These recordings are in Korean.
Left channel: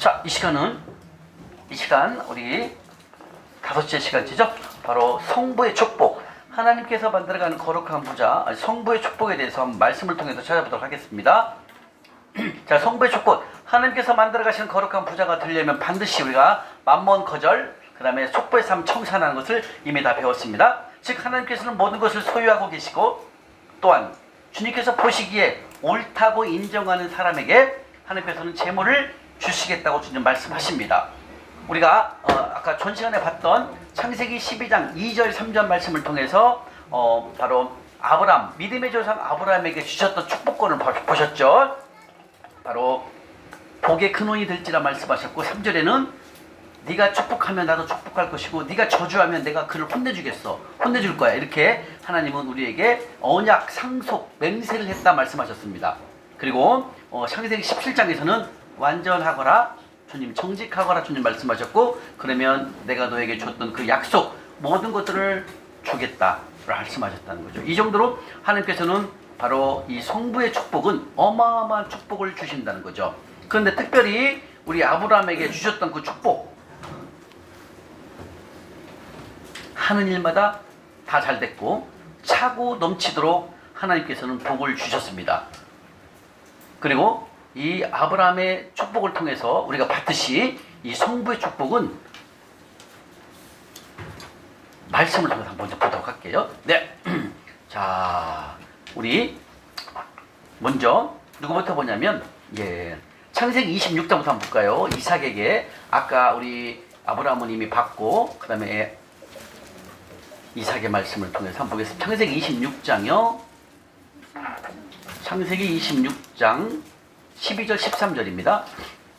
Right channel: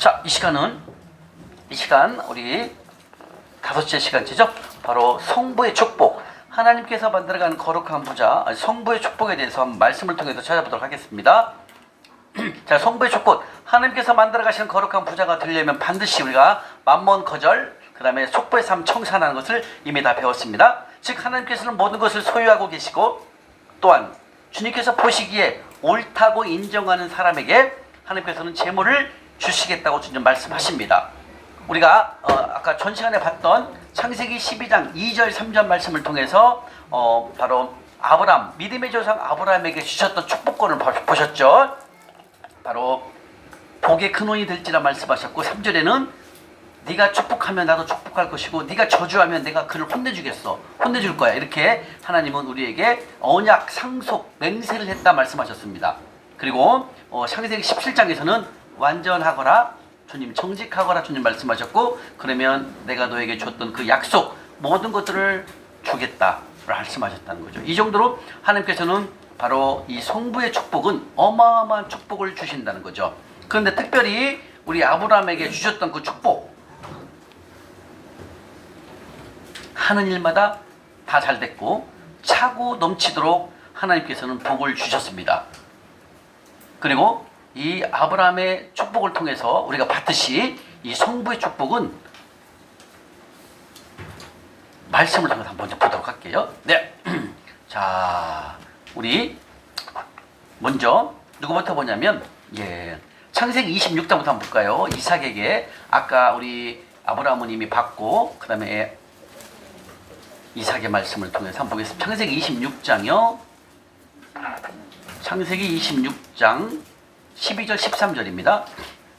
자, 이 시간 우리 5째 시간이죠. 바로 성부의 축복. 하나님께서 만들어가는 거룩한 부자, 성부의 축복에 대해서 한번 말씀을 통해서 찾아보도록 하겠습니다. 자, 성부의 축복. 하나님께서 만들어가시는 거룩한 부자가 되려면 반드시 우리가 만몬 거절, 그 다음에 속부의 삶 청산하는 것을 이미 다 배웠습니다. 즉 하나님께서는 모든 것을 소유하고 계시고, 또한 주님께서 보시기에 옳다고 인정하는 사람에게 하나님께서는 재물을 주시겠다고 주님 말씀하십니다. 우리가 아까 전 시간에 봤던 창세기 12장 2절 3절 말씀을 통해서 바로 아브람, 믿음의 조상 아브람에게 주셨던 축복권을 보셨죠. 바로 복의 근원이 될지라 말씀하셨고, 3절에는 네가 축복하면 나도 축복할 것이고 네가 저주하면 내가 그를 혼내줄 거야. 이렇게 하나님은 우리에게 언약, 상속, 맹세를 했다 말씀하셨습니다. 그리고 창세기 17장에서는 완전하거라 주님, 정직하거라 주님 말씀하셨고, 그러면 내가 너에게 줬던 그 약속 모든 것들을 주겠다 말씀하셨다는 거죠. 이 정도로 하나님께서는 바로 이 성부의 축복은 어마어마한 축복을 주신다는 거죠. 그런데 특별히 우리 아브라함에게 주셨던 그 축복, 하는 일마다 다 잘 됐고 차고 넘치도록 하나님께서는 복을 주셨습니다. 그리고 이 아브라함의 축복을 통해서 우리가 봤듯이 이 성부의 축복은 말씀을 통해서 먼저 보도록 할게요. 네. 자, 우리 먼저 누구부터 보냐면, 창세기 26장부터 한번 볼까요? 이삭에게 아까 우리 아브라함은 이미 받고, 그 다음에 이삭의 말씀을 통해서 한번 보겠습니다. 창세기 26장이요. 창세기 26장 12절 13절입니다.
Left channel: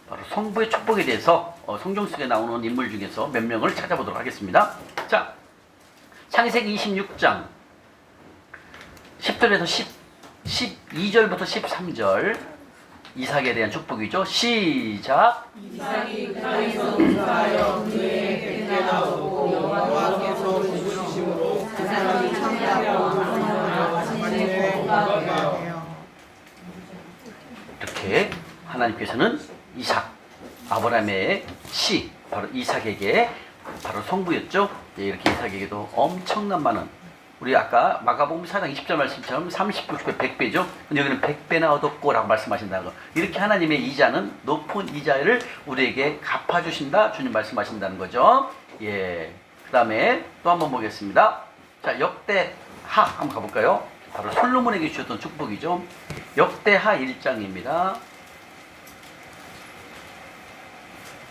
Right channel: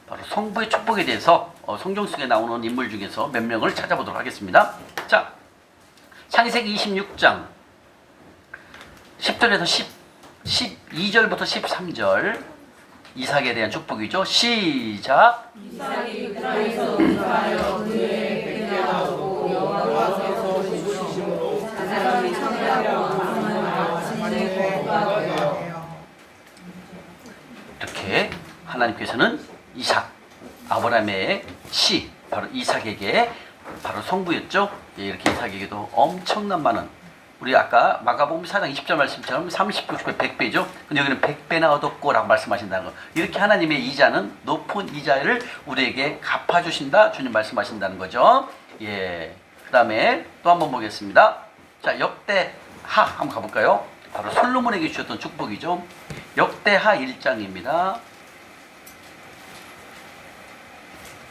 바로 성부의 축복에 대해서 성경 속에 나오는 인물 중에서 몇 명을 찾아보도록 하겠습니다. 자, 창세기 26장 10절에서 12절부터 13절 이삭에 대한 축복이죠. 시작. 이삭이 그 땅에서 거하여 그의 백배가 오고 여호와께서 주시심으로 그 사람이 창대하고 강건하여 자신의 복과 되어. 이렇게 하나님께서는 이삭, 아브라함의 씨, 바로 이삭에게 바로 성부였죠. 이렇게 이삭에게도 엄청난 많은, 우리 아까 마가복음 4장 20절 말씀처럼 30, 60배, 100배죠. 근데 여기는 100배나 얻었고라고 말씀하신다는 거. 이렇게 하나님의 이자는 높은 이자를 우리에게 갚아주신다 주님 말씀하신다는 거죠. 그 다음에 또 한번 보겠습니다. 자, 역대하 한번 가볼까요? 바로 솔로몬에게 주셨던 축복이죠. 역대하 1장입니다.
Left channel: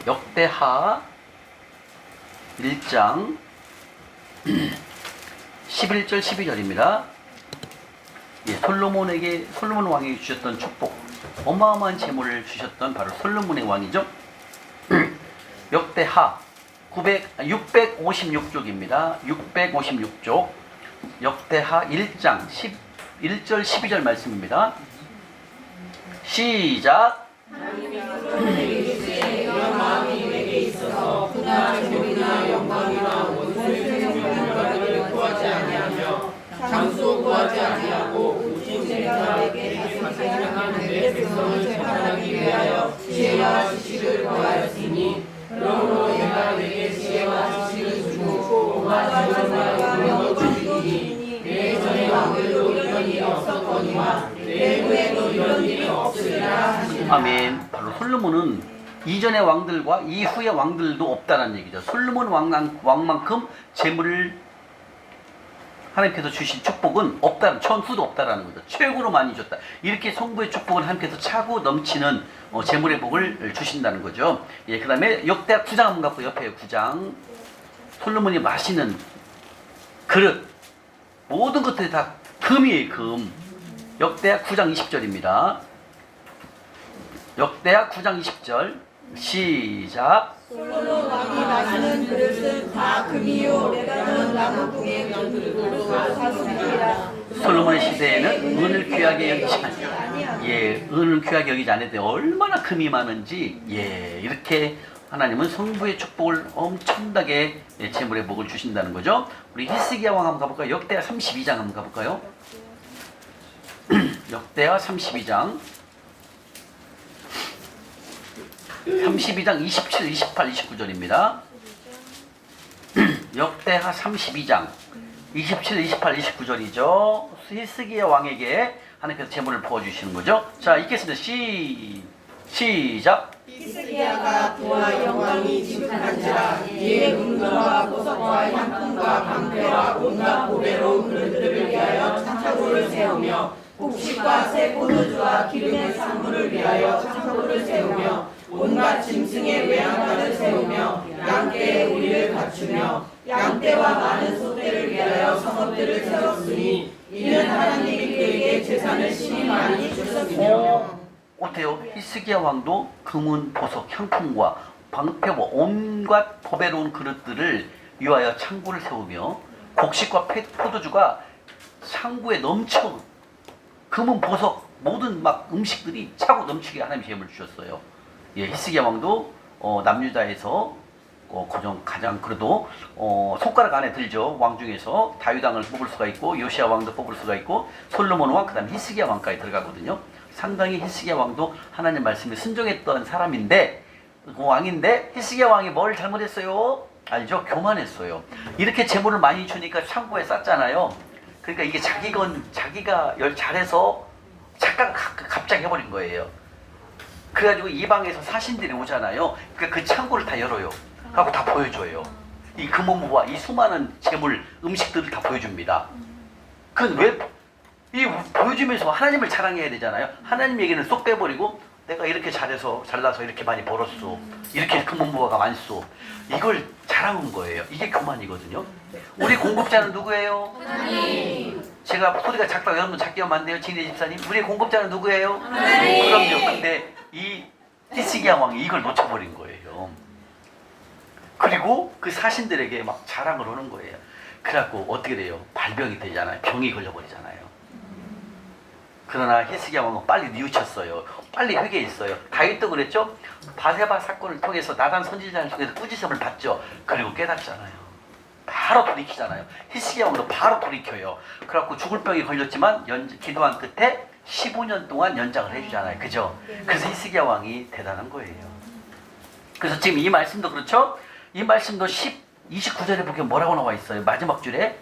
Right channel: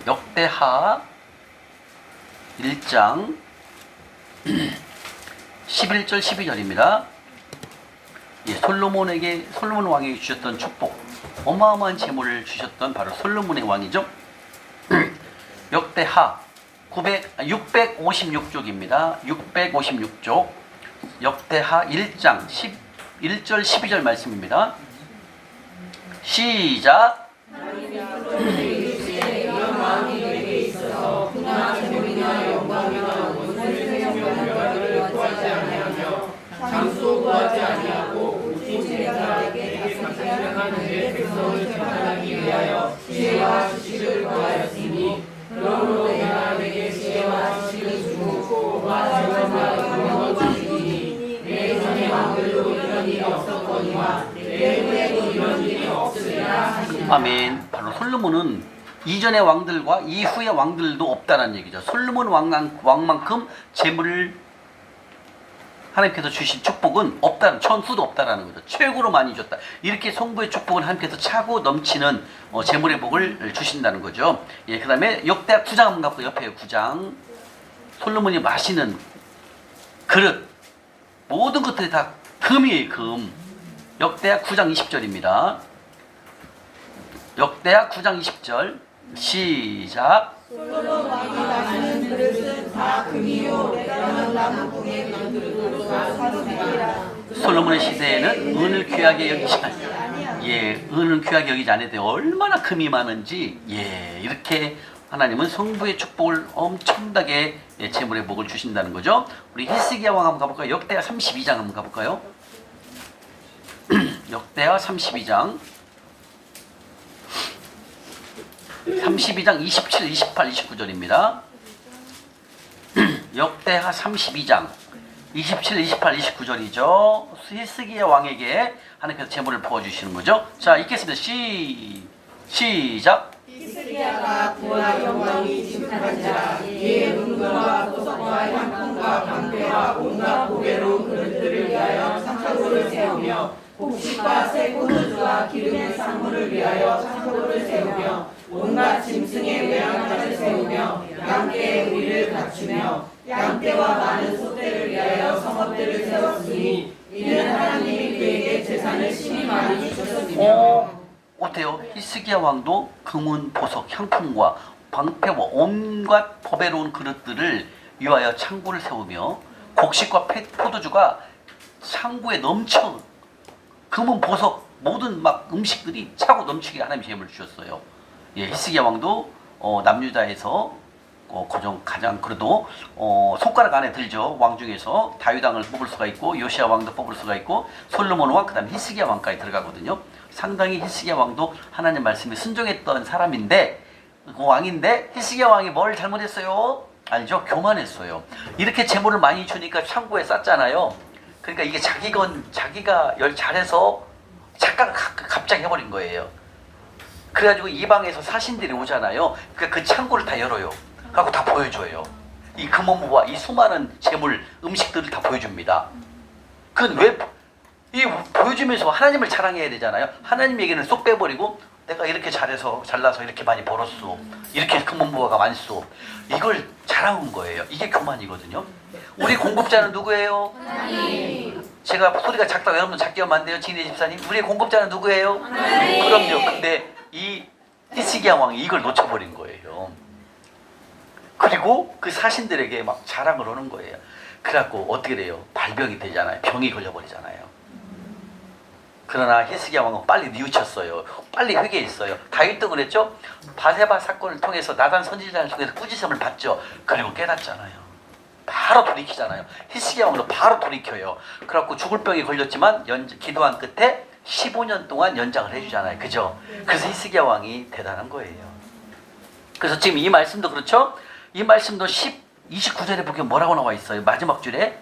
역대하 1장 11절 12절입니다. 솔로몬 왕에게 주셨던 축복, 어마어마한 재물을 주셨던 바로 솔로몬의 왕이죠. 역대하 656쪽입니다. 656쪽 역대하 1장 11절 12절 말씀입니다. 시작. 이런 마음이 내게 있어서 그나 재물이나 영광이나 원수의 영광을 구하지 아니하며 장수 구하지 아니하고 오직 생각에게 생각하는 내 백성을 재판하기 위하여 지혜와 지식을 구하였으니, 그러므로 내가 내게 지혜와 지식을 주고 공화 재물과 영광을 주시니 내 전의 왕들도 이런 일이 없었거니와 내 후에도 이런 일이 없으리라 하시니라. 아멘. 바로 솔로몬은 이전의 왕들과 이후의 왕들도 없다는 얘기죠. 솔로몬 왕만큼 재물을 하나님께서 주신 축복은 없다는, 천수도 없다라는 거죠. 최고로 많이 줬다. 이렇게 성부의 축복을 하나님께서 차고 넘치는 재물의 복을 주신다는 거죠. 그 다음에 역대하 9장 한번 갖고 옆에 9장 솔로몬이 마시는 그릇, 모든 것들이 다 금이에요. 금. 역대하 9장 20절입니다. 역대하 9장 20절 시작. 솔로몬 왕이 마시는 그릇은 다 금이요 때로는 나무궁의 만들고 사슴이라. 솔로몬의 시대에는 은을 귀하게 여기지 은을 귀하게 여기지 않는데 얼마나 금이 많은지, 이렇게 하나님은 성부의 축복을 엄청나게 재물의 복을 주신다는 거죠. 우리 히스기야 왕 한번 가볼까요? 역대하 32장 한번 가볼까요? 역대하 32장 32장 27, 28, 29절입니다. 역대하 32장 27, 28, 29절이죠. 히스기야 왕에게 하나님께서 재물을 부어주시는 거죠. 자, 읽겠습니다. 시작. 히스기야가 그와 영광이 지극한지라 이에 은금과 보석과 향품과 방패와 온갖 보배로운 그릇들을 위하여 창고를 세우며 곡식과 새 포도주와 기름의 상물을 위하여 창고를 세우며 온갖 짐승의 외양간을 세우며 양떼의 우리를 갖추며 양떼와 많은 소떼를 위하여 성읍들을 세웠으니 이는 하나님이 그에게 재산을 심히 많이 주셨으며. 어때요? 히스기야 왕도 금은 보석, 향품과 방패와 온갖 보배로운 그릇들을 위하여 창고를 세우며 곡식과 포도주가 창고에 넘쳐 금은 보석 모든 막 음식들이 차고 넘치게 하나님이 재물을 주셨어요. 예, 히스기야 왕도 남유다에서 가장 그래도 손가락 안에 들죠. 왕 중에서 다윗 왕을 뽑을 수가 있고 요시야 왕도 뽑을 수가 있고 솔로몬 왕 그다음 히스기야 왕까지 들어가거든요. 상당히 히스기야 왕도 하나님 말씀에 순종했던 사람인데 그 왕인데 히스기야 왕이 뭘 잘못했어요? 알죠? 교만했어요. 이렇게 재물을 많이 주니까 창고에 쌌잖아요. 그러니까 이게 자기가 잘해서 착각을 갑자기 해버린 거예요. 그래가지고 이방에서 사신들이 오잖아요. 그러니까 그 창고를 다 열어요. 하고 다 보여줘요. 이 금은부와 이 수많은 재물, 음식들을 다 보여줍니다. 그건 왜? 이 보여주면서 하나님을 자랑해야 되잖아요. 하나님 얘기는 쏙 빼버리고 내가 이렇게 잘나서 이렇게 많이 벌었어. 이렇게 금은부가 많소. 이걸 자랑한 거예요. 이게 교만이거든요. 우리 공급자는 누구예요? 하나님. 제가 소리가 작다고 여러분 작게 하면 안 돼요? 진혜 집사님. 우리 공급자는 누구예요? 하나님. 그럼요. 근데 이 히스기야 왕이 이걸 놓쳐버린 거예요. 그리고 그 사신들에게 막 자랑을 하는 거예요. 그래갖고 어떻게 돼요? 발병이 되잖아요. 병이 걸려버리잖아요. 그러나 히스기야 왕은 빨리 뉘우쳤어요. 빨리 회개했어요. 다윗도 그랬죠? 바세바 사건을 통해서 나단 선지자를 통해서 꾸지심을 받죠. 그리고 깨닫잖아요. 바로 돌이키잖아요. 히스기야 왕도 바로 돌이켜요. 그래갖고 죽을 병이 걸렸지만 기도한 끝에 15년 동안 연장을 해주잖아요. 그죠? 그래서 히스기야 왕이 대단한 거예요. 그래서 지금 이 말씀도 그렇죠? 이 말씀도 29절에 보면 뭐라고 나와 있어요? 마지막 줄에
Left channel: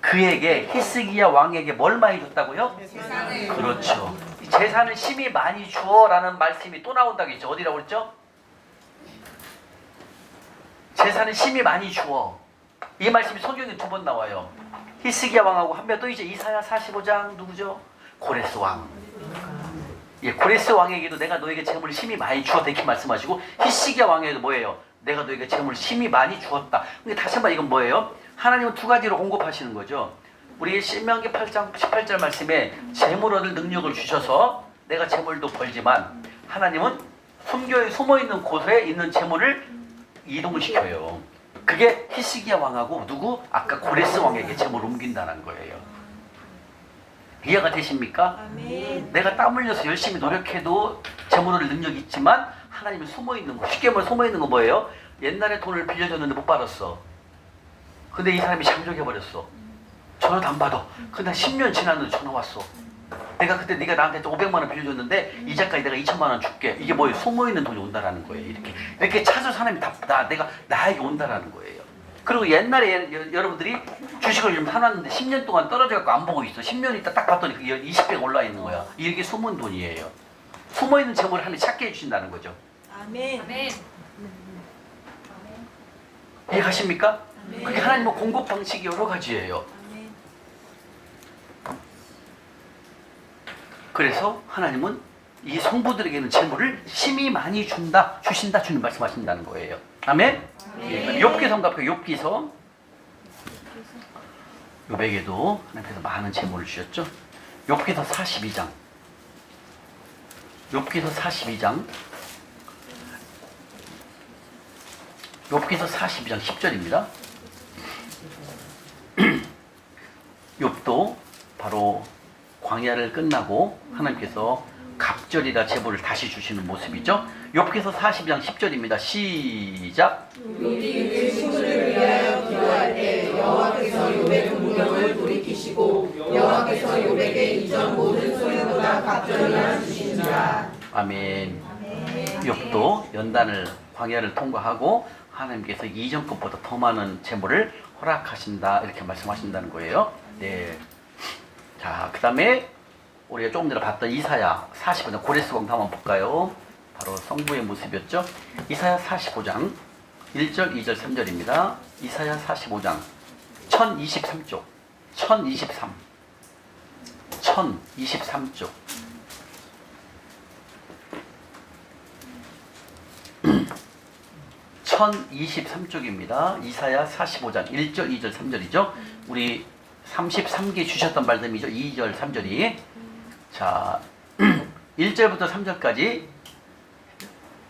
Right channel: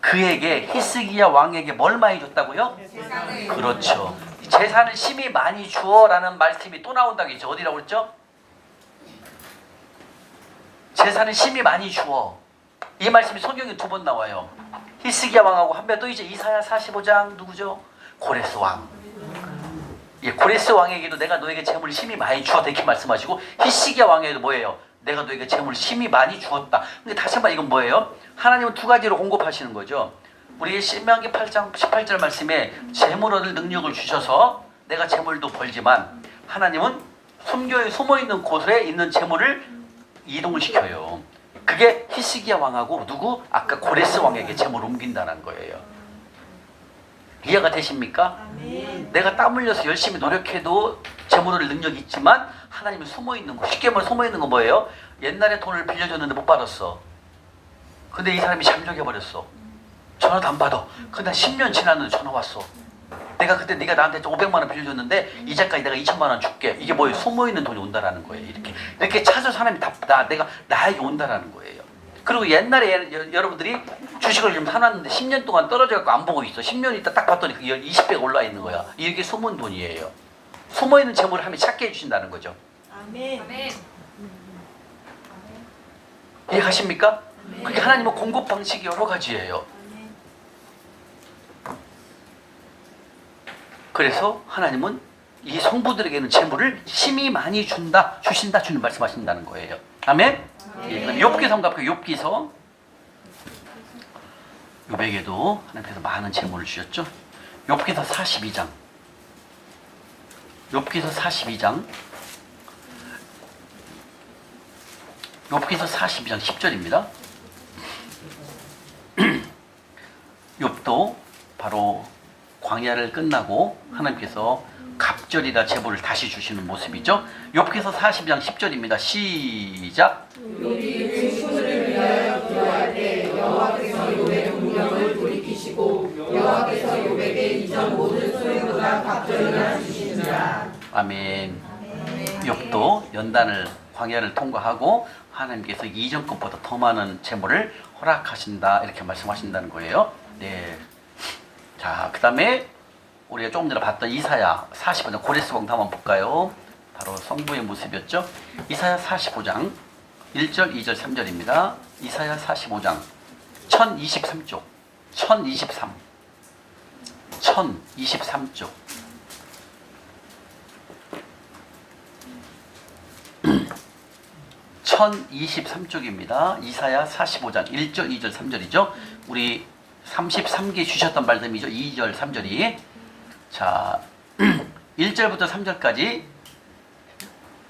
그에게 히스기야 왕에게 뭘 많이 줬다고요? 재산을. 그렇죠. 재산을 심히 많이 주어라는 말씀이 또 나온다고 했죠. 어디라고 그랬죠? 재산을 심히 많이 주어. 이 말씀이 성경에 2번 나와요. 히스기야 왕하고 한 명 또 이제 이사야 45장 누구죠? 고레스 왕. 예, 고레스 왕에게도 내가 너에게 재물을 심히 많이 주었다 이렇게 말씀하시고 히스기야 왕에게도 뭐예요? 내가 너에게 재물을 심히 많이 주었다. 근데 다시 한번 이건 뭐예요? 하나님은 2가지로 공급하시는 거죠. 우리 신명기 8장 18절 말씀에 재물 얻을 능력을 주셔서 내가 재물도 벌지만 하나님은 숨어있는 곳에 있는 재물을 이동을 시켜요. 그게 히스기야 왕하고 누구? 아까 고레스 왕에게 재물을 옮긴다는 거예요. 이해가 되십니까? 아멘. 내가 땀 흘려서 열심히 노력해도 재물 얻을 능력이 있지만 하나님은 숨어있는 거. 쉽게 말해 숨어있는 거 뭐예요? 옛날에 돈을 빌려줬는데 못 받았어. 근데 이 사람이 잠적해버렸어. 전화도 안 받아. 근데 10년 지났는데 전화 왔어. 내가 그때 네가 나한테 500만 원 빌려줬는데 이자까지 내가 2천만 원 줄게. 이게 뭐예요? 숨어있는 돈이 온다라는 거예요. 이렇게 찾아서 사람이 나에게 온다라는 거예요. 그리고 옛날에 여러분들이 주식을 좀 사놨는데 10년 동안 떨어져갖고 안 보고 있어. 10년 있다 딱 봤더니 20배가 올라 있는 거야. 이게 숨은 돈이에요. 숨어있는 재물을 하나님이 찾게 해주신다는 거죠. 아멘. 이해하십니까? 그게 하나님의 공급 방식이 여러 가지예요. 그래서 하나님은 이 성부들에게는 재물을 심히 많이 주신다 주님 말씀하신다는 거예요. 아멘? 욥기서 한번 욥기서 욥에게도 하나님께서 많은 재물을 주셨죠. 욥기서 42장 욥기서 42장 욥기서 42장 10절입니다. 욥도 바로 광야를 끝나고 하나님께서 갑절이라 제보를 다시 주시는 모습이죠. 욥기서 42장 10절입니다. 시작. 욥이 그 친구를 위하여 기도할 때 여호와께서 욥의 공경을 돌이키시고 여호와께서 욥에게 이전 모든 소유보다 갑절을 주시니라. 아멘. 욕도 연단을 광야를 통과하고 하나님께서 이전 것보다 더 많은 재물을 허락하신다 이렇게 말씀하신다는 거예요. 네. 자, 그 다음에 우리가 조금 전에 봤던 이사야 45장 고레스공도 한번 볼까요? 바로 성부의 모습이었죠. 이사야 45장 1절, 2절, 3절입니다. 이사야 45장 1023쪽 1023쪽 1023쪽입니다. 이사야 45장 1절, 2절, 3절이죠. 우리 33기 주셨던 말씀이죠. 2절, 3절이. 자, 1절부터 3절까지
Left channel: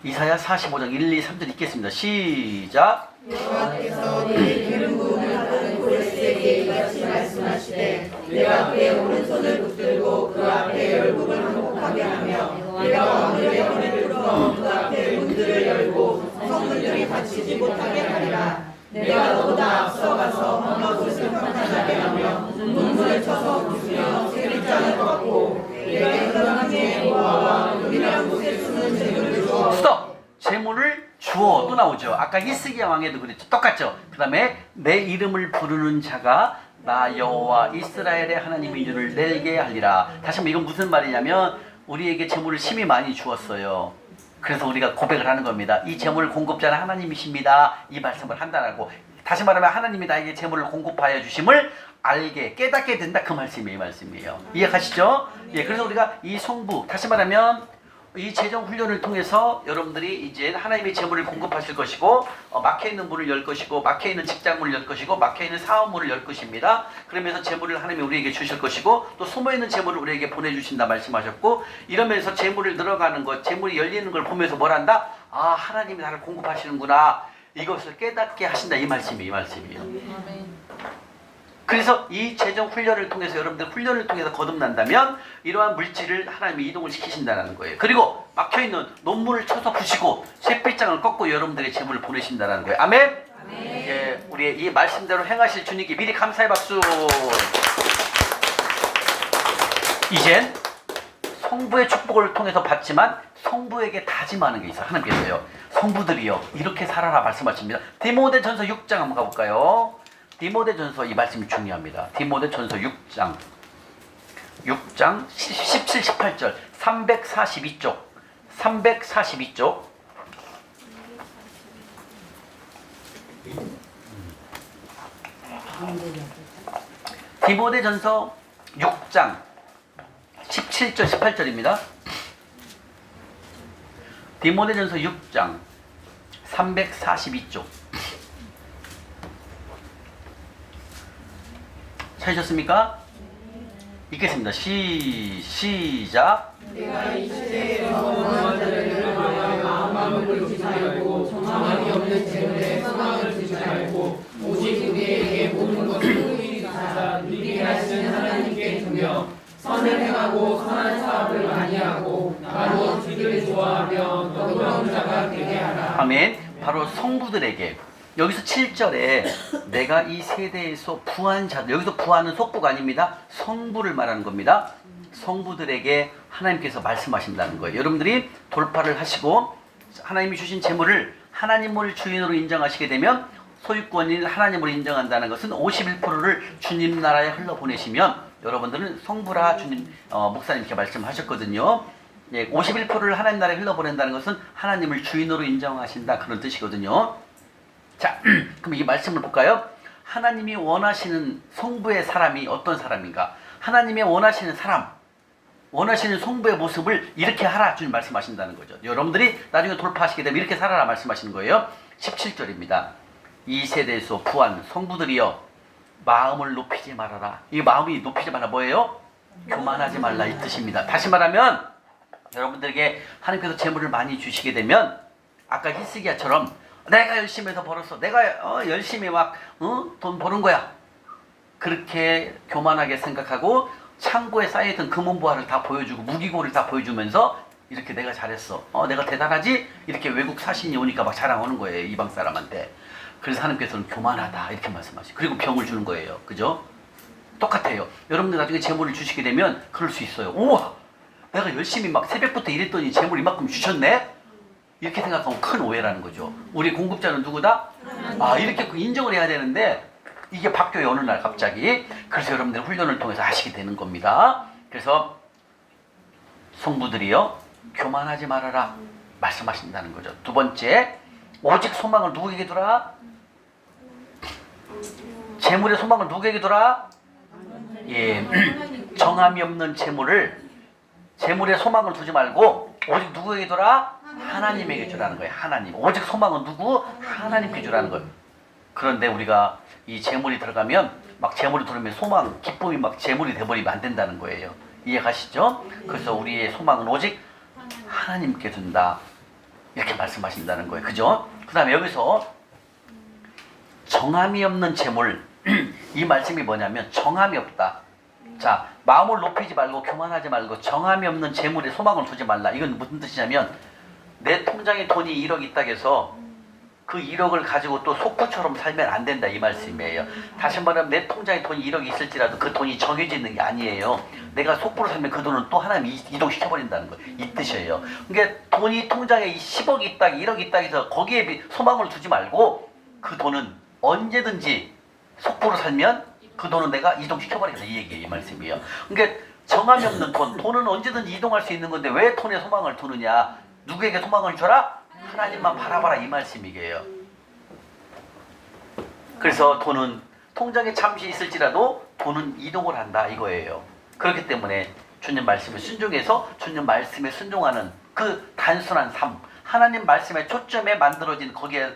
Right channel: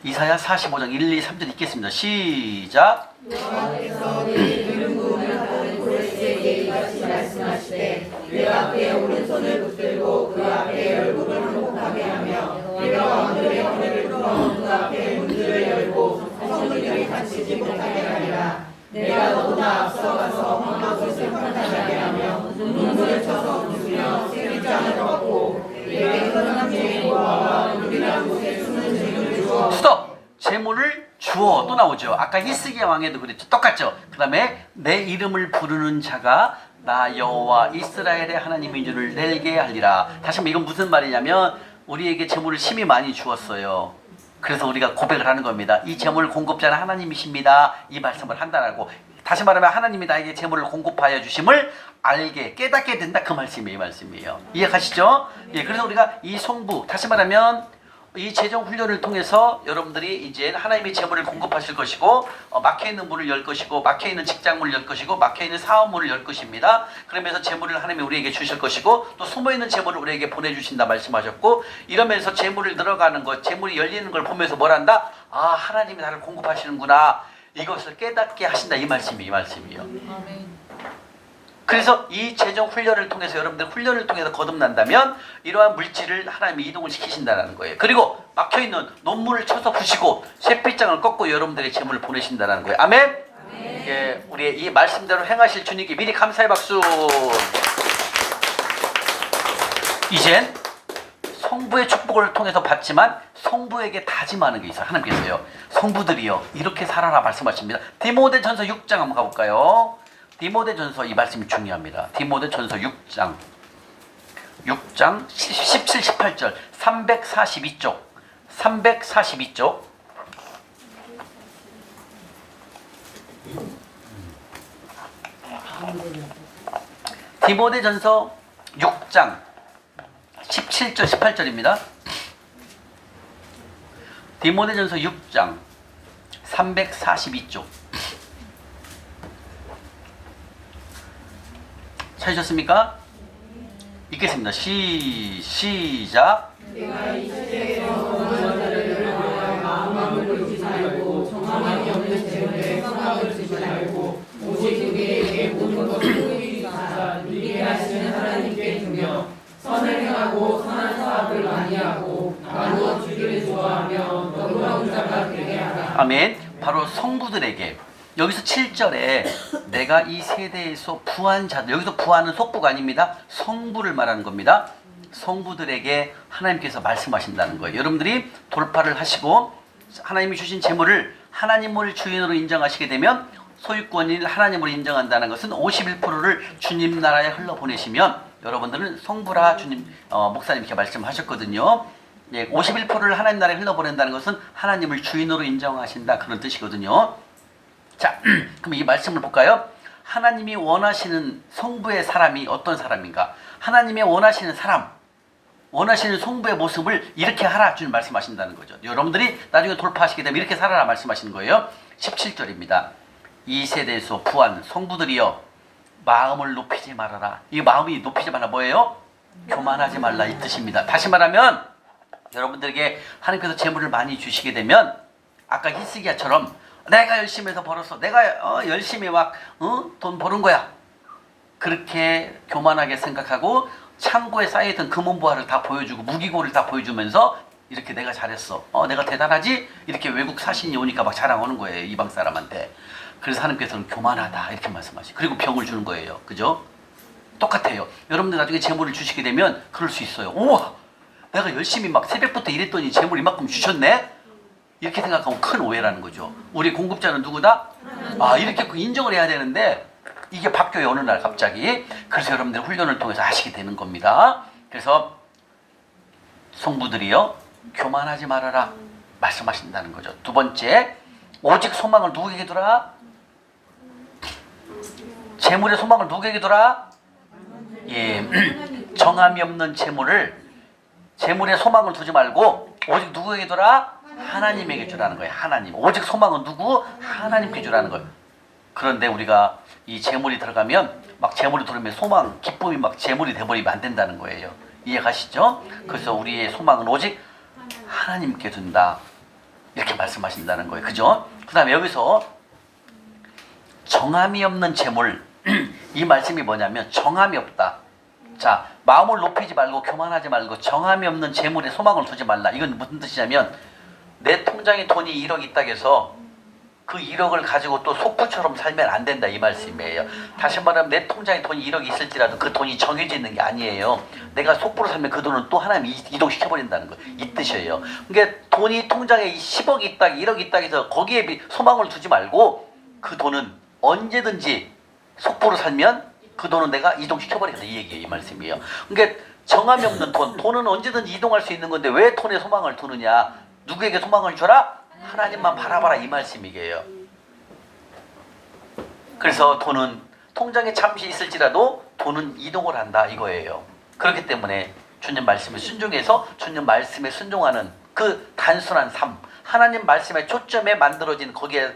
이사야 45장 1, 2, 3절 읽겠습니다. 시작. 여호와께서 내 이름 부르는 고레스에게 이같이 말씀하시되 내 앞에 오른손을 붙들고 그 앞에 얼굴을 한복하게 하며 내가 오늘의 손을 풀어 그 앞에 문들을 열고 성들이 닫히지 못하게 하리라. 내가 너보다 앞서가서 험하고 심판하게 하며 눈물을 쳐서 부수며 세리장을 걷고 내게 흔한 여호와와 우리랑 곳에 숨은 재물을 주어 스톱! 재물을 주어 또 나오죠. 아까 히스기야 왕에도 그랬죠. 똑같죠. 그 다음에 내 이름을 부르는 자가 나 여호와 이스라엘의 하나님인 줄을 내게 하리라. 다시 한번 이건 무슨 말이냐면 우리에게 재물을 심히 많이 주었어요. 그래서 우리가 고백을 하는 겁니다. 이 재물 공급자는 하나님이십니다. 이 말씀을 한다라고. 다시 말하면 하나님이 나에게 재물을 공급하여 주심을 알게 깨닫게 된다. 그 말씀이 이 말씀이에요. 이해가시죠? 예, 그래서 우리가 이 성부 다시 말하면 이 재정 훈련을 통해서 여러분들이 이제 하나님의 재물을 공급하실 것이고 막혀있는 문을 열 것이고 막혀있는 직장문을 열 것이고 막혀있는 사업문을 열 것입니다. 그러면서 재물을 하나님이 우리에게 주실 것이고 또 숨어있는 재물을 우리에게 보내주신다 말씀하셨고 이러면서 재물을 늘어가는 것 재물이 열리는 걸 보면서 뭘 한다? 아 하나님이 나를 공급하시는구나 이것을 깨닫게 하신다 이 말씀이에요. 아멘. 그래서 이 재정 훈련을 통해서 여러분들 훈련을 통해서 거듭난다면 이러한 물질을 하나님이 이동을 시키신다는 거예요. 그리고 막혀있는 논문을 쳐서 부시고 쇠빗장을 꺾고 여러분들의 재물을 보내신다는 거예요. 아멘? 아멘. 예, 우리의 이 말씀대로 행하실 주님께 미리 감사의 박수. 이젠 성부의 축복을 통해서 받지만 성부에게 다짐하는 게 있어요. 하나님께서요. 성부들이요 이렇게 살아라 말씀하십니다. 디모데전서 6장 한번 가볼까요? 디모데전서 이 말씀이 중요합니다. 디모데전서 6장 17, 18절 342쪽 342쪽 디모데전서 6장 17절 18절입니다. 디모데전서 6장 342쪽 찾으셨습니까? 읽겠습니다. 시작. 내가 이 시대에서 원하는 자를 위하여 마음을 두지 말고 정함이 없는 재물에 성함을 두지 말고 오직 우리에게 모든 것을 보이주사 누리게 하시는 하나님께 두며 선을 행하고 선한 사업을 많이 하고 나누어 주기를 좋아하며 너그러운 자가 되게 하라. 아멘. 바로 성부들에게 여기서 7절에 내가 이 세대에서 부한 자들 여기서 부하는 속부가 아닙니다. 성부를 말하는 겁니다. 성부들에게 하나님께서 말씀하신다는 거예요. 여러분들이 돌파를 하시고 하나님이 주신 재물을 하나님을 주인으로 인정하시게 되면 소유권인 하나님으로 인정한다는 것은 51%를 주님 나라에 흘러보내시면 여러분들은 성부라 주님 목사님께 말씀하셨거든요. 예, 51%를 하나님 나라에 흘러보낸다는 것은 하나님을 주인으로 인정하신다 그런 뜻이거든요. 자, 그럼 이 말씀을 볼까요? 하나님이 원하시는 성부의 사람이 어떤 사람인가? 하나님의 원하시는 사람, 원하시는 성부의 모습을 이렇게 하라 주님 말씀하신다는 거죠. 여러분들이 나중에 돌파하시게 되면 이렇게 살아라 말씀하시는 거예요. 17절입니다. 이 세대에서 부한 성부들이여 마음을 높이지 말아라. 이 마음이 높이지 말라 뭐예요? 교만하지 말라 이 뜻입니다. 다시 말하면 여러분들에게 하나님께서 재물을 많이 주시게 되면 아까 히스기야처럼 내가 열심히 해서 벌었어. 내가 열심히 막 돈 버는 거야. 그렇게 교만하게 생각하고 창고에 쌓여있던 금은보화를 다 보여주고 무기고를 다 보여주면서 이렇게 내가 잘했어. 내가 대단하지? 이렇게 외국 사신이 오니까 막 자랑하는 거예요. 이방 사람한테. 그래서 하나님께서는 교만하다 이렇게 말씀하시고 그리고 병을 주는 거예요. 그죠? 똑같아요. 여러분들 나중에 재물을 주시게 되면 그럴 수 있어요. 우와! 내가 열심히 막 새벽부터 일했더니 재물 이만큼 주셨네? 이렇게 생각하면 큰 오해라는 거죠. 우리 공급자는 누구다? 아, 이렇게 인정을 해야 되는데 이게 바뀌어요, 어느 날 갑자기. 그래서 여러분들 훈련을 통해서 하시게 되는 겁니다. 그래서 성부들이요, 교만하지 말아라 말씀하신다는 거죠. 두 번째, 오직 소망을 누구에게 두라? 재물의 소망을 누구에게 두라? 예, 정함이 없는 재물의 소망을 두지 말고 오직 누구에게 두라? 하나님에게 주라는 거예요. 하나님. 오직 소망은 누구? 하나님께 주라는 거예요. 그런데 우리가 이 재물이 들어가면 막 재물이 들어오면 소망, 기쁨이 막 재물이 돼버리면 안 된다는 거예요. 이해가시죠? 그래서 우리의 소망은 오직 하나님께 둔다. 이렇게 말씀하신다는 거예요. 그죠? 그 다음에 여기서 정함이 없는 재물. 이 말씀이 뭐냐면 정함이 없다. 자, 마음을 높이지 말고 교만하지 말고 정함이 없는 재물에 소망을 두지 말라. 이건 무슨 뜻이냐면 내 통장에 돈이 1억 있다 해서 그 1억을 가지고 또 속부처럼 살면 안 된다 이 말씀이에요. 다시 말하면 내 통장에 돈이 1억이 있을지라도 그 돈이 정해져 있는 게 아니에요. 내가 속부로 살면 그 돈은 또 하나님이 이동시켜버린다는 거, 이 뜻이에요. 그러니까 돈이 통장에 10억이 있다, 1억이 있다 해서 거기에 소망을 두지 말고 그 돈은 언제든지 속부로 살면 그 돈은 내가 이동시켜버리겠다 이 얘기예요. 이 말씀이에요. 그러니까 정함이 없는 돈은 언제든지 이동할 수 있는 건데 왜 돈에 소망을 두느냐? 누구에게 소망을 줘라? 하나님만 바라봐라 이 말씀이에요. 그래서 돈은 통장에 잠시 있을지라도 돈은 이동을 한다 이거예요. 그렇기 때문에 주님 말씀에 순종해서 주님 말씀에 순종하는 그 단순한 삶, 하나님 말씀의 초점에 만들어진 거기에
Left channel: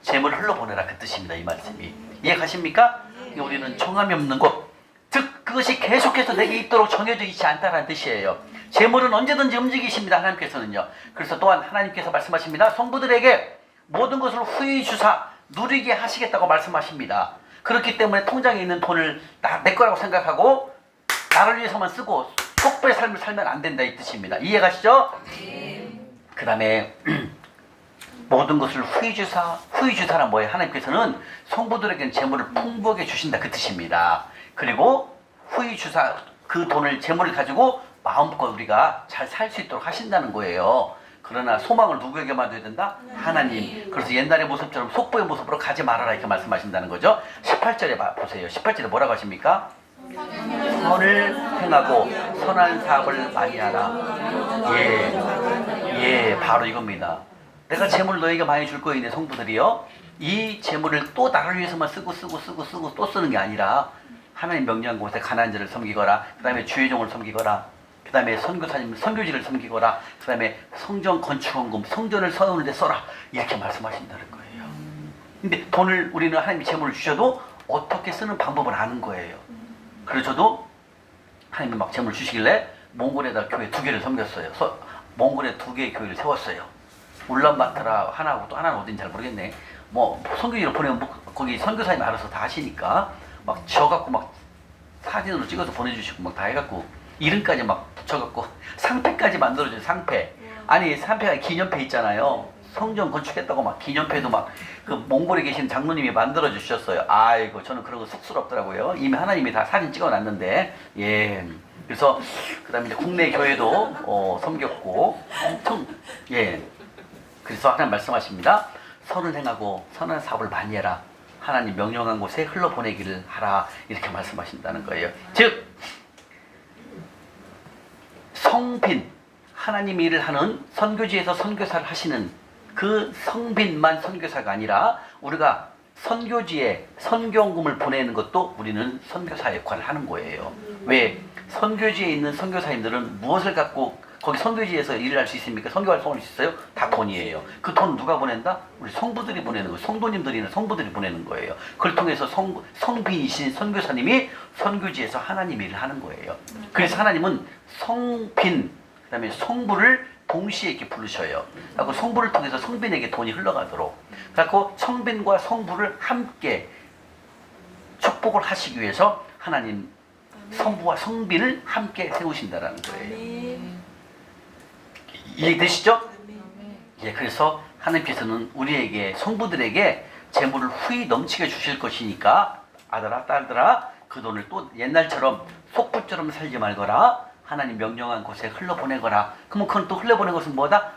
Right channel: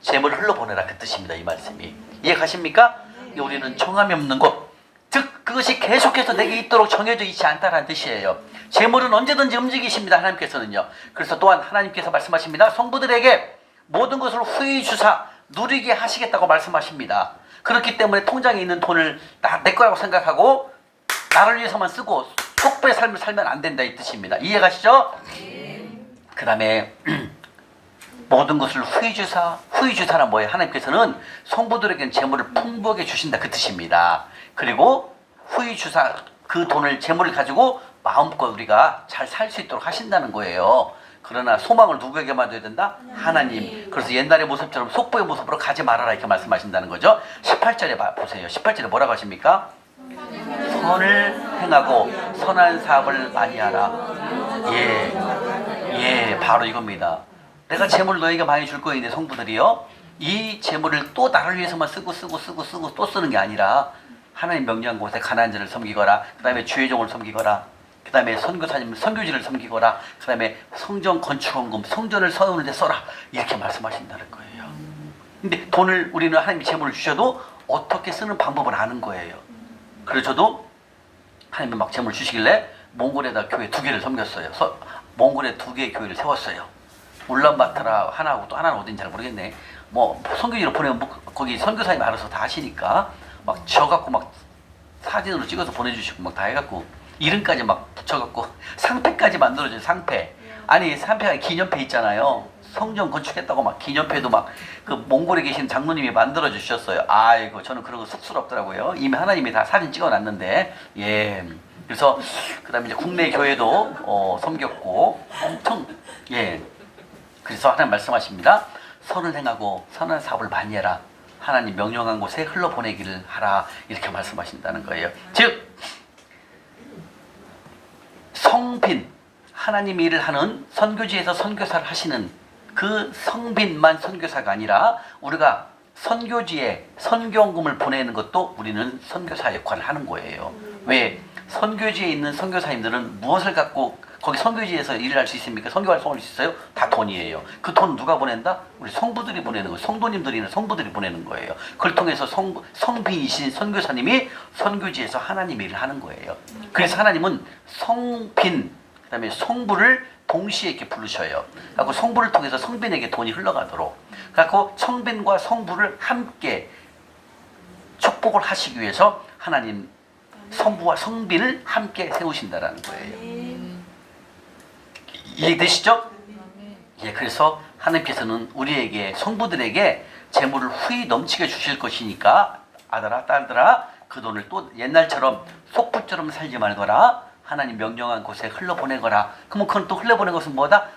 재물을 흘러보내라 그 뜻입니다. 이 말씀이 이해가십니까? 우리는 정함이 없는 것, 즉 그것이 계속해서 내게 있도록 정해져 있지 않다는 뜻이에요. 재물은 언제든지 움직이십니다. 하나님께서는요. 그래서 또한 하나님께서 말씀하십니다. 성부들에게 모든 것을 후히 주사 누리게 하시겠다고 말씀하십니다. 그렇기 때문에 통장에 있는 돈을 다 내 거라고 생각하고 나를 위해서만 쓰고 속배의 삶을 살면 안 된다 이 뜻입니다. 이해가시죠? 그 다음에 모든 것을 후히 주사는 뭐예요? 하나님께서는 성부들에게는 재물을 풍부하게 주신다 그 뜻입니다. 그리고 후히 주사 그 돈을 재물을 가지고 마음껏 우리가 잘 살 수 있도록 하신다는 거예요. 그러나 소망을 누구에게만 둬야 된다? 하나님. 그래서 옛날의 모습처럼 속보의 모습으로 가지 말아라 이렇게 말씀하신다는 거죠. 18절에 보세요. 18절에 뭐라고 하십니까? 선을 행하고 선한 사업을 많이 하라. 예, 바로 이겁니다. 내가 재물을 너에게 많이 줄 거인데 성부들이요, 이 재물을 또 나를 위해서만 쓰고 또 쓰는 게 아니라 하나님 명령한 곳에 가난한 자를 섬기거라, 그 다음에 주의 종을 섬기거라, 그 다음에 선교사님 선교지를 섬기거라, 그 다음에 성전 건축원금 성전을 세우는 데 써라 이렇게 말씀하신다는 거예요. 근데 돈을 우리는 하나님이 재물을 주셔도 어떻게 쓰는 방법을 아는 거예요. 그래서 저도 하나님이 막 재물을 주시길래 몽골에다 교회 2개를 섬겼어요. 몽골에 2개의 교회를 세웠어요. 울란바토르 하나하고 또 하나는 어딘지 잘 모르겠네. 뭐 선교지로 보내면 거기 선교사님이 알아서 다 하시니까 막 지어갖고 막 사진으로 찍어서 보내주시고 막 다 해갖고 이름까지 막 붙여갖고 상패까지 만들어줘요. 상패. 아니 상패가 기념패 있잖아요. 성전 건축했다고 막 기념패도 막 그 몽골에 계신 장로님이 만들어 주셨어요. 아이고 저는 그런 거 쑥스럽더라고요. 이미 하나님이 다 사진 찍어놨는데. 예. 그래서 그다음에 이제 국내 교회도 섬겼고 엄청 예. 그래서 하나님 말씀하십니다. 선을 행하고 선한 사업을 많이 해라. 하나님 명령한 곳에 흘러보내기를 하라. 이렇게 말씀하신다는 거예요. 즉 성빈, 하나님 일을 하는 선교지에서 선교사를 하시는 그 성빈만 선교사가 아니라 우리가 선교지에 선교원금을 보내는 것도 우리는 선교사 역할을 하는 거예요. 왜? 선교지에 있는 선교사님들은 무엇을 갖고 거기 선교지에서 일을 할 수 있습니까? 선교 활동할 수 있어요? 다 돈이에요. 그 돈 누가 보낸다? 우리 성부들이 보내는 거예요. 성도님들이나 성부들이 보내는 거예요. 그걸 통해서 성빈이신 선교사님이 선교지에서 하나님 일을 하는 거예요. 그래서 하나님은 성빈, 그 다음에 성부를 동시에 이렇게 부르셔요. 그리고 성부를 통해서 성빈에게 돈이 흘러가도록. 그래서 성빈과 성부를 함께 축복을 하시기 위해서 하나님 성부와 성빈을 함께 세우신다라는 거예요. 이해되시죠? 예, 그래서 하나님께서는 우리에게 성부들에게 재물을 후히 넘치게 주실 것이니까 아들아 딸들아 그 돈을 또 옛날처럼 속부처럼 살지 말거라. 하나님 명령한 곳에 흘러보내거라. 그러면 그건 또 흘러보낸 것은 뭐다?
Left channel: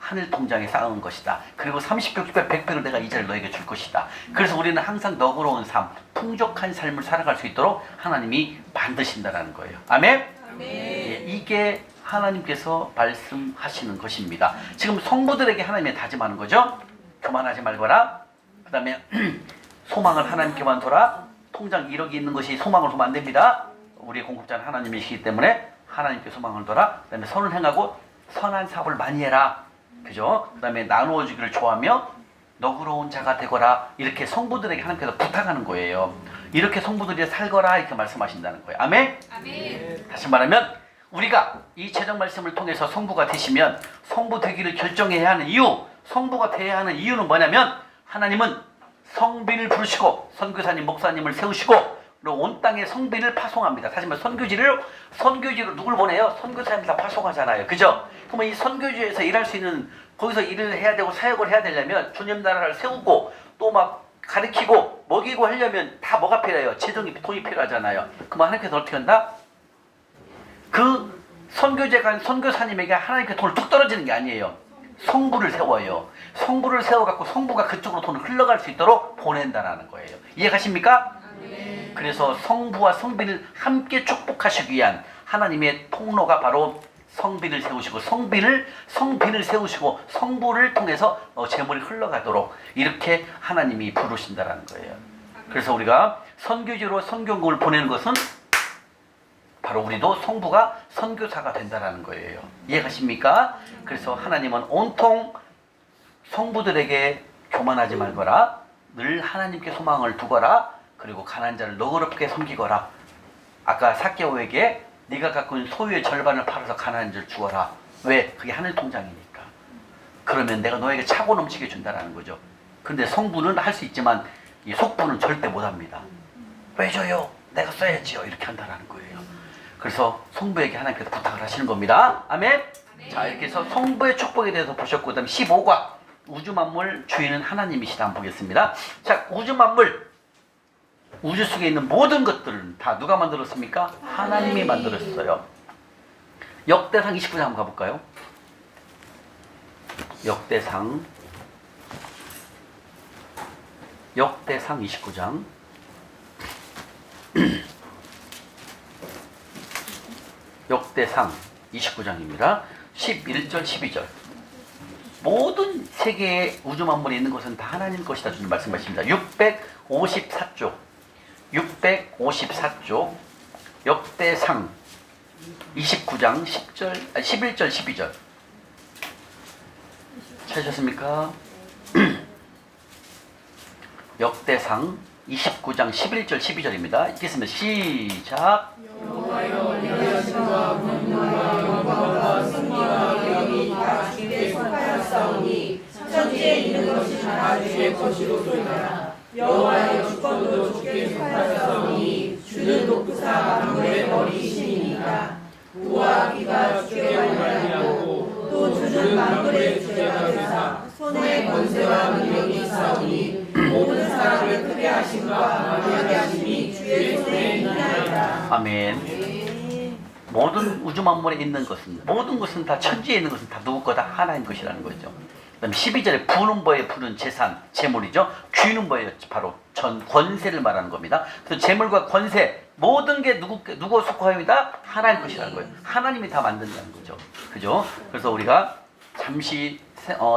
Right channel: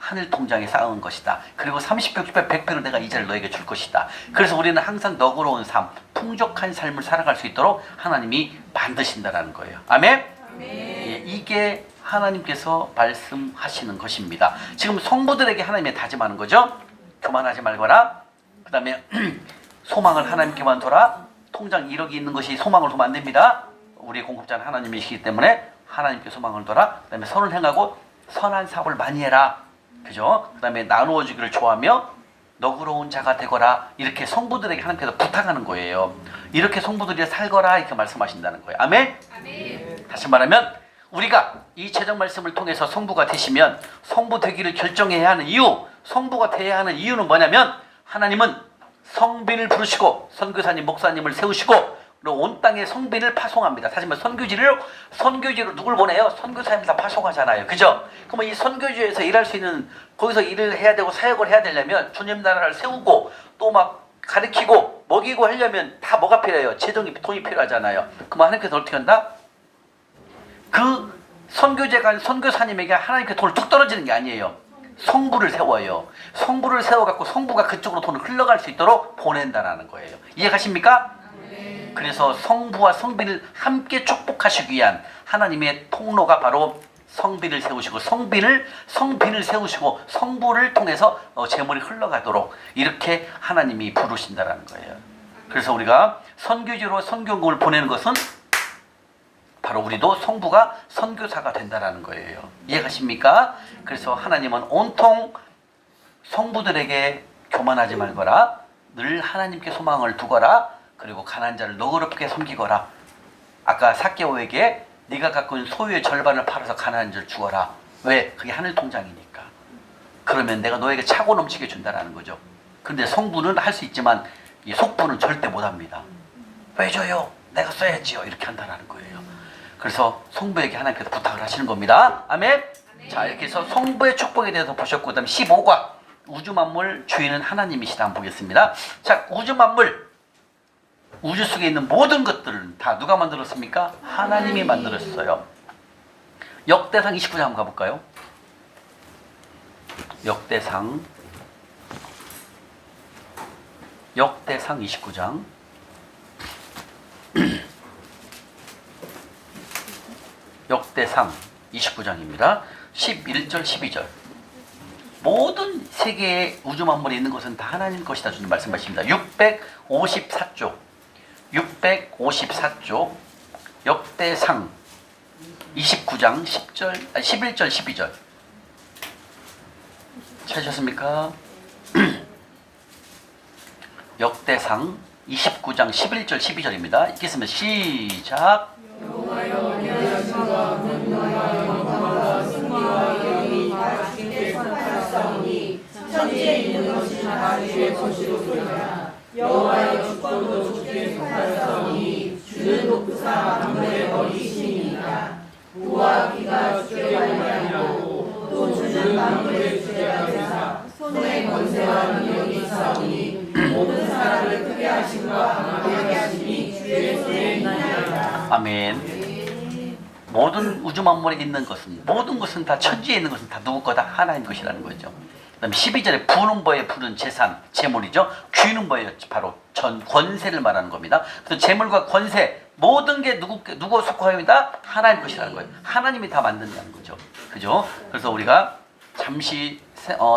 하늘 통장에 쌓은 것이다. 그리고 30배, 60배, 100배를 내가 이자를 너에게 줄 것이다. 그래서 우리는 항상 너그러운 삶, 풍족한 삶을 살아갈 수 있도록 하나님이 만드신다는 거예요. 아멘? 예, 이게 하나님께서 말씀하시는 것입니다. 지금 성부들에게 하나님이 다짐하는 거죠. 교만하지 말거라. 그 다음에 소망을 하나님께만 둬라. 통장 1억이 있는 것이 소망을 두면 안 됩니다. 우리 공급자는 하나님이시기 때문에 하나님께 소망을 둬라. 그 다음에 선을 행하고 선한 사업을 많이 해라. 그죠? 그 다음에 나누어 주기를 좋아하며 너그러운 자가 되거라. 이렇게 성부들에게 하나님께서 부탁하는 거예요. 이렇게 성부들이 살거라 이렇게 말씀하신다는 거예요. 아멘? 아멘. 다시 말하면 우리가 이 제정 말씀을 통해서 성부가 되시면 성부 되기를 결정해야 하는 이유, 성부가 돼야 하는 이유는 뭐냐면 하나님은 성빈을 부르시고 선교사님, 목사님을 세우시고 그리고 온 땅에 성빈을 파송합니다. 사실 선교지로 누굴 보내요? 선교사님을 다 파송하잖아요. 그죠? 그러면 이 선교지에서 일할 수 있는 거기서 일을 해야 되고 사역을 해야 되려면 주님 나라를 세우고 또 막 가르치고 먹이고 하려면 다 뭐가 필요해요? 재정이 돈이 필요하잖아요. 그럼 하나님께서 어떻게 한다? 그 선교제가 선교사님에게 하나님께 돈을 뚝 떨어지는 게 아니에요. 성부를 세워요. 성부를 세워갖고 성부가 그쪽으로 돈을 흘러갈 수 있도록 보낸다는 거예요. 이해가십니까? 네. 그래서 성부와 성빈을 함께 축복하시기 위한 하나님의 통로가 바로 성빈을 세우시고 성빈을 세우시고 성부를 통해서 재물이 흘러가도록 이렇게 하나님이 부르신다는 거예요. 그래서 우리가 선교지로 선교금을 보내는 것은 바로 우리도 성부가 선교사가 된다는 거예요. 이해가십니까? 그래서 하나님은 온통 성부들에게 교만하지 말거라. 늘 하나님께 소망을 두거라. 그리고 가난한 자를 너그럽게 섬기거라. 아까 삭개오에게 네가 갖고 있는 소유의 절반을 팔아서 가난한 자를 주어라. 왜? 그게 하늘 통장이니까. 그러면 내가 너에게 차고 넘치게 준다는 거죠. 근데 성부는 할 수 있지만 이 속부는 절대 못합니다. 왜 줘요? 내가 써야지요. 이렇게 한다는 거예요. 그래서 성부에게 하나님께서 부탁을 하시는 겁니다. 아멘? 자, 이렇게 해서 성부의 축복에 대해서 보셨고 그 다음에 15과 우주 만물 주인은 하나님이시다 한번 보겠습니다. 자, 우주 만물, 우주 속에 있는 모든 것들은 다 누가 만들었습니까? 하나님이 만들었어요. 역대상 29장 한번 가볼까요? 역대상 29장 역대상 29장입니다. 11절 12절 모든 세계의 우주 만물에 있는 것은 다 하나님 것이다 주님 말씀하십니다. 654조 역대상 29장 11절 12절 찾으셨습니까? 역대상 29장 11절 12절입니다. 읽겠습니다. 시작. 여호와여 내 여신과 능력과 영광과 승리와 영이 다 주께 속하였사오니 천지에 있는 것이 다 주의 것이로소이다. 여호와의 주권도 주께 속하였사오니 주는 독사 만물의 머리이시니이다. 우와 귀가 주께 영광하고 또 주는 만물의 주제가 되사 손의 권세와 능력이 있사오니 모든 사람을 크게 하심과 강하게 하심이 주의 손에 있나이다. 아멘. 모든 우주 만물에 있는 것은 모든 것은 다 천지에 있는 것은 다 누구 거다? 하나님 것이라는 거죠. 그다음에 12절에 부는 거에 부는 재산, 재물이죠. 귀는 거에 바로 전 권세를 말하는 겁니다. 그래서 재물과 권세 모든 게 누구 속하입니다? 하나님 것이라는 거예요. 하나님이 다 만든다는 거죠. 그죠? 그래서 우리가 잠시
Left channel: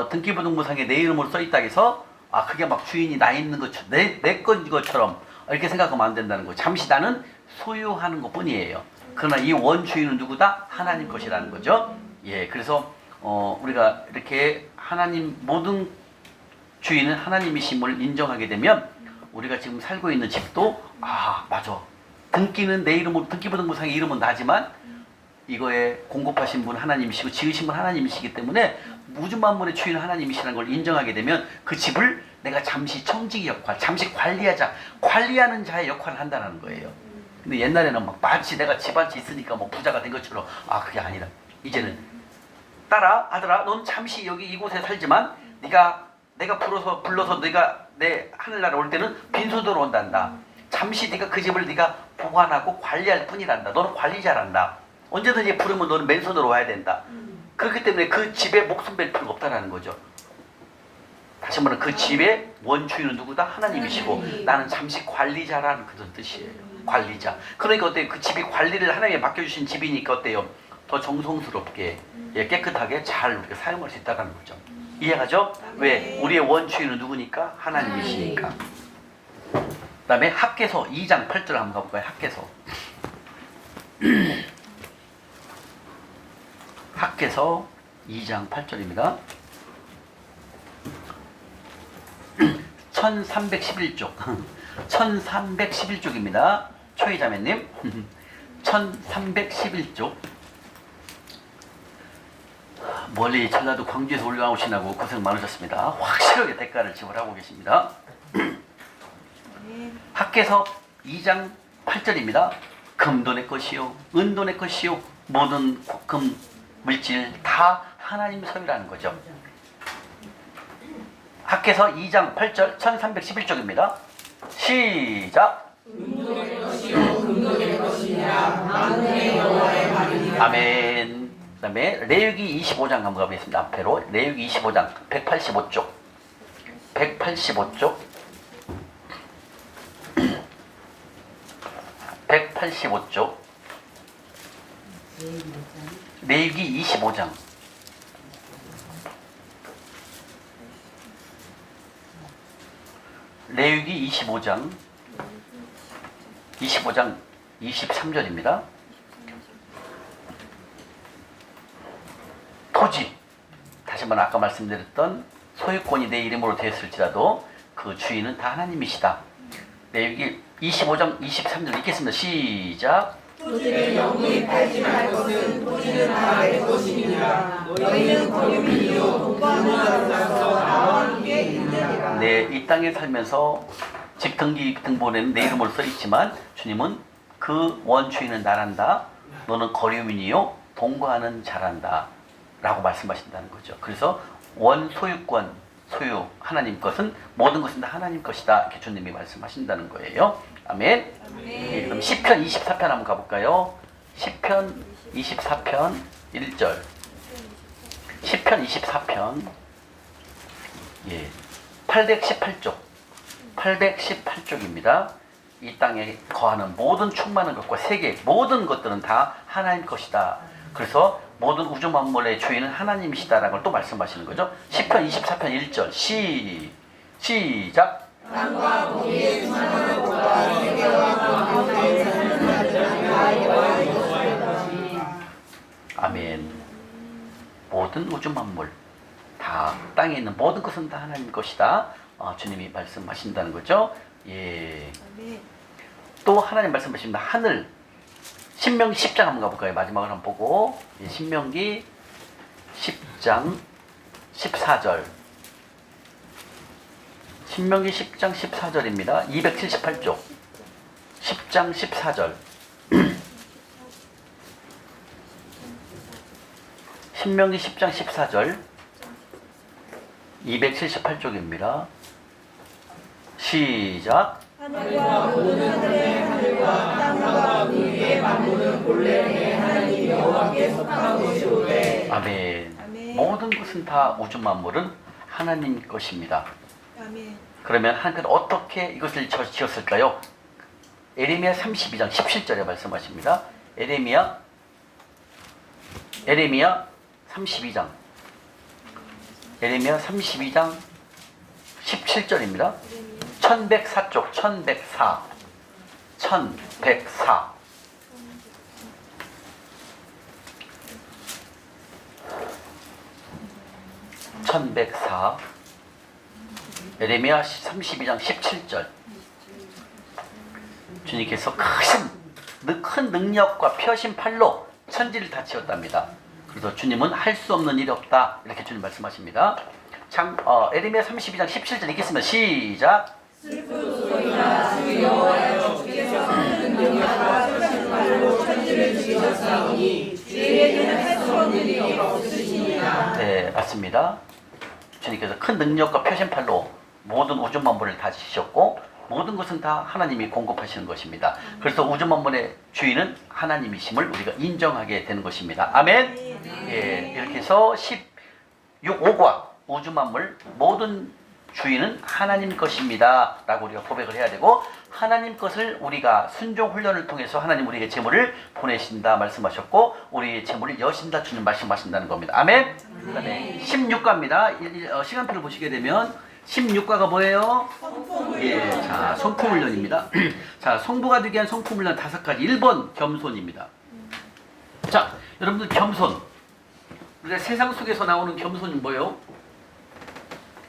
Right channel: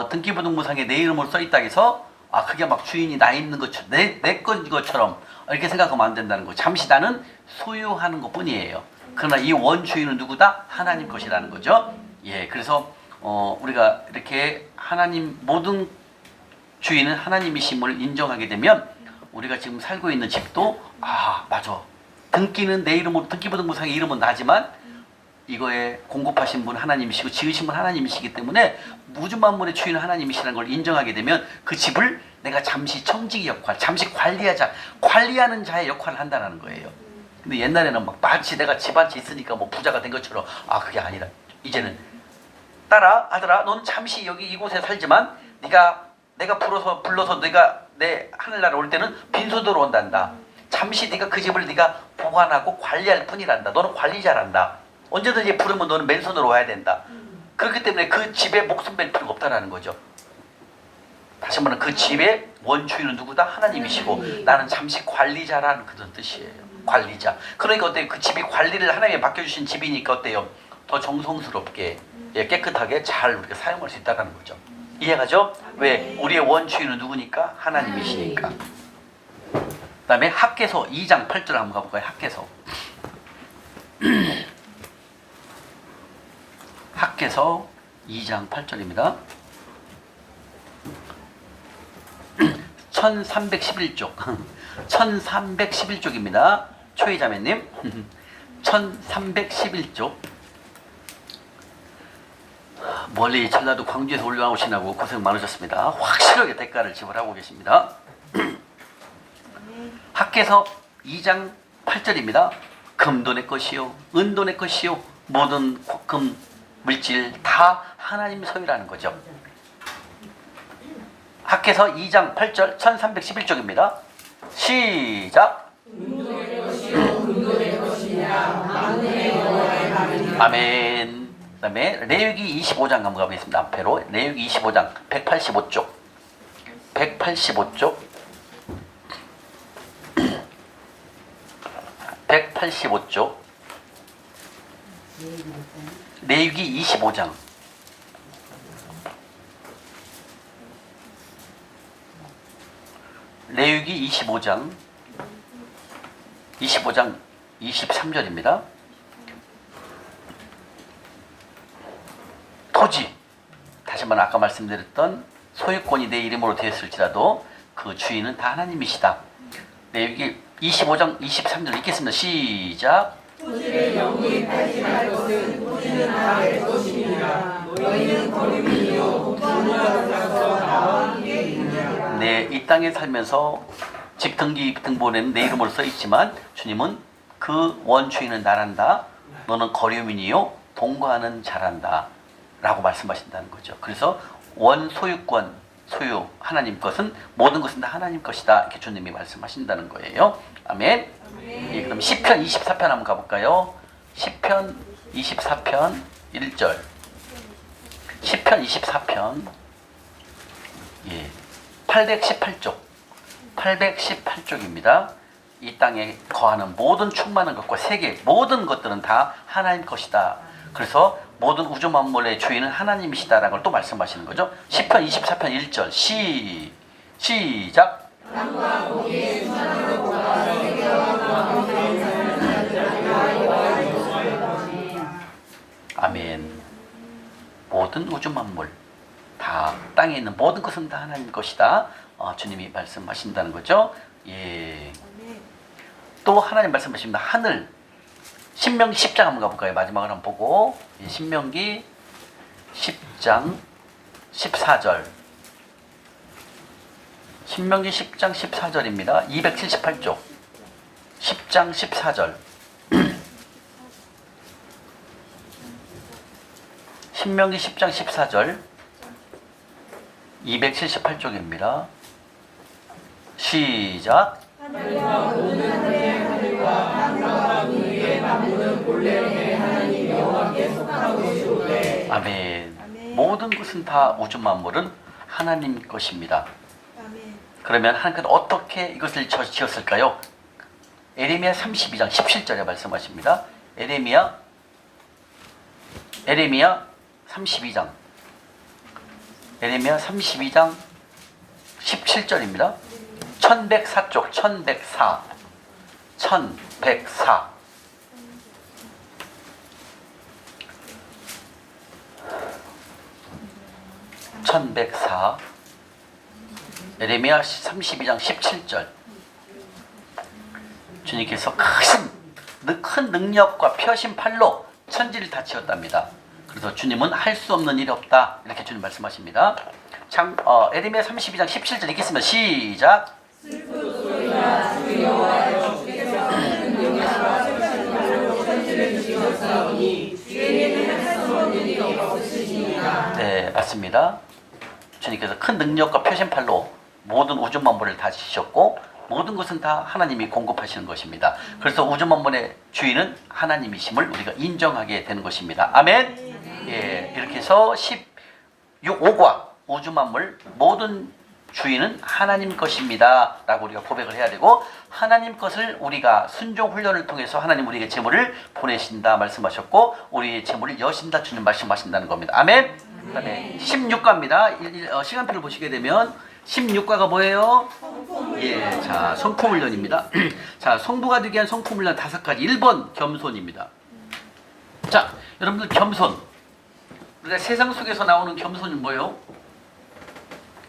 등기부등본상에 내 이름으로 써 있다 해서 그게 막 주인이 나 있는 것처럼 내 건 것처럼 이렇게 생각하면 안 된다는 거예요. 잠시 나는 소유하는 것 뿐이에요. 그러나 이 원주인은 누구다? 하나님 것이라는 거죠. 예, 그래서 우리가 이렇게 하나님 모든 주인은 하나님이심을 인정하게 되면 우리가 지금 살고 있는 집도 맞아. 등기는 내 이름으로 등기부등본상에 이름은 나지만 이거에 공급하신 분 하나님이시고 지으신 분 하나님이시기 때문에 우주 만물의 주인은 하나님이시라는 걸 인정하게 되면 그 집을 내가 잠시 청지기 역할, 잠시 관리하는 자의 역할을 한다는 거예요. 근데 옛날에는 막 마치 내가 집 한 채 있으니까 뭐 부자가 된 것처럼 그게 아니라 이제는 딸아, 아들아, 넌 잠시 여기 이곳에 살지만 내가 불러서 네가 내 하늘나라 올 때는 빈손으로 온단다. 잠시 네가 그 집을 네가 보관하고 관리할 뿐이란다. 너는 관리 잘한다. 언제든지 부르면 너는 맨손으로 와야 된다. 그렇기 때문에 그 집에 목숨 뺄 필요가 없다라는 거죠. 다시 한번 그 집의 원주인은 누구다? 하나님이시고 나는 잠시 관리자라는 그런 뜻이에요. 관리자. 그러니까 어때요? 그 집이 관리를 하나님이 맡겨주신 집이니까 어때요? 더 정성스럽게 깨끗하게 잘 이렇게 사용할 수 있다는 거죠. 이해가죠? 왜? 우리의 원주인은 누구니까? 하나님이시니까. 그 다음에 학개서 2장 8절 한번 가볼까요? 학개서. 학개서 2장 8절입니다. 1311쪽 1311쪽입니다. 초이자매님 1311쪽. 멀리 전라도 광주에서 올라오시나고 고생 많으셨습니다. 확실하게 대가를 지불하고 계십니다. 학개서 2장 8절입니다. 금도 내 것이요 은도 내 것이요 모든 금 물질 다 하나님 손이라는 거죠. 학개서 2장 8절 1311쪽입니다. 시작. 은도 내 것이요 금도 내 것이니라 만군의 여호와의 말이니라. 아멘. 그 다음에 레위기 25장 한번 가보겠습니다. 앞에로 레위기 25장 185쪽 185쪽 185쪽 레위기 25장 레위기 25장 23절입니다. 토지, 다시 한번 아까 말씀드렸던 소유권이 내 이름으로 되었을지라도 그 주인은 다 하나님이시다. 레위기 25장 23절 읽겠습니다. 시작. 토지를 영원히 팔지 말 것은 토지는 다 내 것이니라. 너희는 거류민이요 독방을 가서 나와 함께 있느니라. 네, 이 땅에 살면서 집 등기 등본에는 내 이름으로 써 있지만 주님은 그 원주인은 나란다. 너는 거류민이요 동거하는 자란다. 라고 말씀하신다는 거죠. 그래서 원소유권, 소유, 하나님 것은 모든 것은 다 하나님 것이다. 이렇게 주님이 말씀하신다는 거예요. 아멘. 예, 그럼 시편 24편 한번 가볼까요? 시편 24편 1절. 시편 24편 818쪽 818쪽입니다. 이 땅에 거하는 모든 충만한 것과 세계 모든 것들은 다 하나님 것이다. 그래서 모든 우주 만물의 주인은 하나님이시다라는 걸 또 말씀하시는 거죠. 시편 24편 1절 시작. 땅과 거기에 충만한 것과 세계와 그 가운데 사는 자들은 다 여호와의 것이라. 아멘. 모든 우주 만물 다 땅에 있는 모든 것은 다 하나님 것이다. 주님이 말씀하신다는 거죠. 예. 또 하나님 말씀하십니다. 하늘. 신명기 10장 한번 가볼까요? 마지막으로 한번 보고. 예, 신명기 10장 14절. 신명기 10장 14절입니다. 278쪽. 10장 14절. 신명기 10장 14절. 278쪽입니다. 시작. 하늘과 모든 하늘의 하늘과 땅과 그 위의 만물은 본래 내 하나님 여호와께 속한 것이오되. 아멘. 아멘. 모든 것은 다 우주 만물은 하나님 것입니다. 아멘. 그러면 하나님께서 어떻게 이것을 지었을까요? 에레미야 32장 17절에 말씀하십니다. 에레미야 32장 에레미야 32장 17절입니다. 1104쪽 1104 에레미야 32장 17절. 주님께서 큰 능력과 펴신 팔로 천지를 다 지었답니다. 그래서 주님은 할 수 없는 일이 없다. 이렇게 주님 말씀하십니다. 에레미야 32장 17절 읽겠습니다. 시작. 슬프소이다. 주 여호와여 주께서 큰 능력과 펴신 팔로 천지를 지으셨사오니 주에게는 할 수 없는 일이 없으시니라. 네, 맞습니다. 주님께서 큰 능력과 펴신 팔로 모든 우주 만물을 다 지으셨고 모든 것은 다 하나님이 공급하시는 것입니다. 그래서 우주 만물의 주인은 하나님이심을 우리가 인정하게 되는 것입니다. 아멘. 예, 이렇게 해서 5과 우주 만물 모든 주인은 하나님 것입니다 라고 우리가 고백을 해야 되고, 하나님 것을 우리가 순종 훈련을 통해서 하나님 우리에게 재물을 보내신다 말씀하셨고, 우리의 재물을 여신다 주는 말씀하신다는 겁니다. 아멘. 그다음에 16과입니다. 시간표를 보시게 되면 16과가 뭐예요? 예, 자, 성품 훈련입니다. 자, 성부가 되기 위한 성품 훈련 5가지. 1번 겸손입니다. 자, 여러분들 겸손. 우리가 세상 속에서 나오는 겸손은 뭐예요?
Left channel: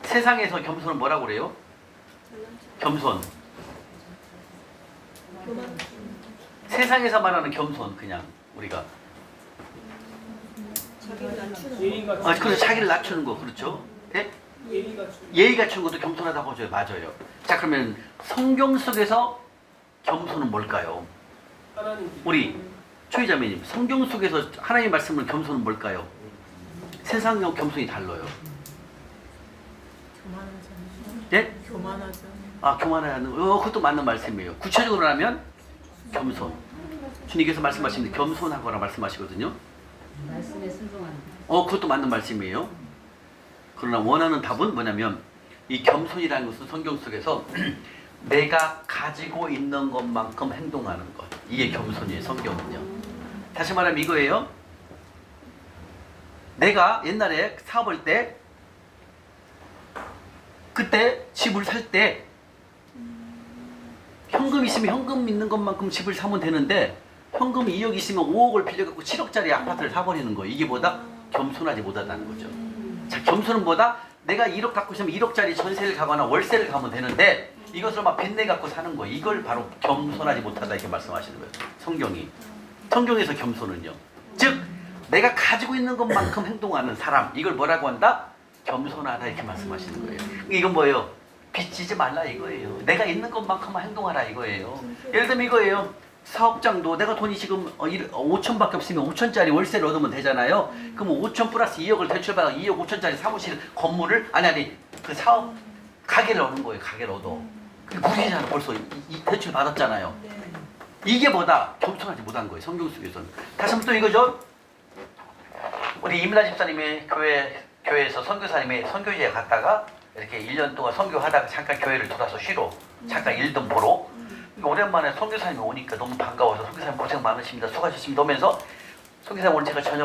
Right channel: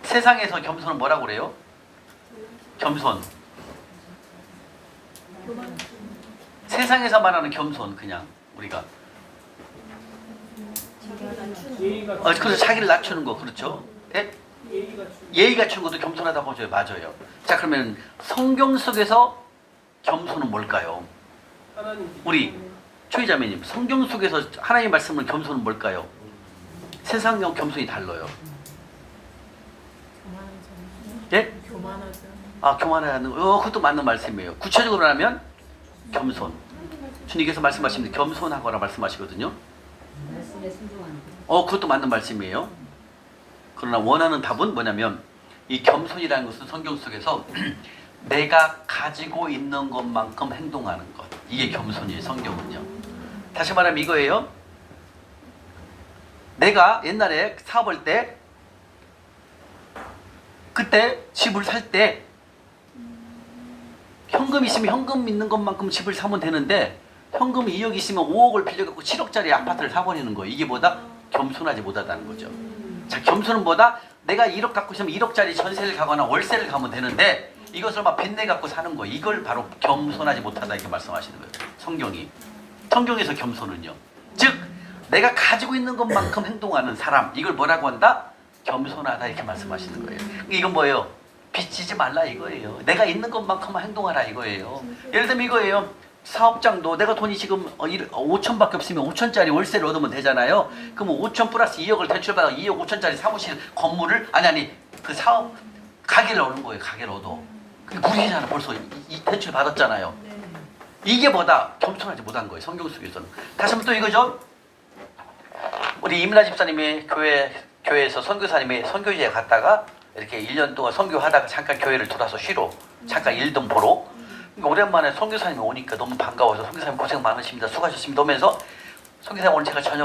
세상에서 겸손은 뭐라고 그래요? 겸손. 세상에서 말하는 겸손, 그냥 우리가 그래서 자기를 낮추는 거, 그렇죠? 예? 예의 갖추는 것도 겸손하다고 하죠. 맞아요. 자, 그러면 성경 속에서 겸손은 뭘까요? 우리 초이자매님, 성경 속에서 하나님 말씀을 겸손은 뭘까요? 세상과 겸손이 달라요. 예? 교만하죠. 아, 교만하는, 그것도 맞는 말씀이에요. 구체적으로 하면 겸손. 주님께서 말씀하시는 겸손하거나 말씀하시거든요. 말씀에 순종하는 거. 그것도 맞는 말씀이에요. 그러나 원하는 답은 뭐냐면, 이 겸손이라는 것은 성경 속에서 내가 가지고 있는 것만큼 행동하는 것, 이게 겸손이에요. 성경은요. 다시 말하면 이거예요. 내가 옛날에 사업할 때, 그때 집을 살 때 현금 있으면 현금 있는 것만큼 집을 사면 되는데, 현금이 2억 있으면 5억을 빌려갖고 7억짜리 아파트를 사버리는 거예요. 이게 뭐다? 겸손하지 못하다는 거죠. 자, 겸손은 뭐다? 내가 1억 갖고 있으면 1억짜리 전세를 가거나 월세를 가면 되는데, 이것을 막 빚내 갖고 사는 거예요. 이걸 바로 겸손하지 못하다 이렇게 말씀하시는 거예요. 성경에서 겸손은요, 즉 내가 가지고 있는 것만큼 행동하는 사람, 이걸 뭐라고 한다? 겸손하다 이렇게 말씀하시는 거예요. 이건 뭐예요? 빚지지 말라 이거예요. 내가 있는 것만큼만 행동하라 이거예요. 예를 들면 이거예요. 사업장도 내가 돈이 지금 5천밖에 없으면 5천짜리 월세를 얻으면 되잖아요. 그럼 5천 플러스 2억을 대출받아 2억 5천짜리 사무실 건물을 그 사업 가게를 얻는 거예요. 가게를 얻어. 근데 무리잖아. 벌써 이 대출 받았잖아요. 이게 뭐다? 겸손하지 못한 거예요. 성경 속에서는. 다시 한번 또 이거죠. 우리 이민아 집사님이 교회에서 선교사님이 선교지에 갔다가 이렇게 1년 동안 선교하다가 잠깐 교회를 들어서 쉬러 잠깐 일 좀 보러, 그러니까 오랜만에 선교사님이 오니까 너무 반가워서 선교사님 고생 많으십니다, 수고하셨습니다 하면서, 선교사님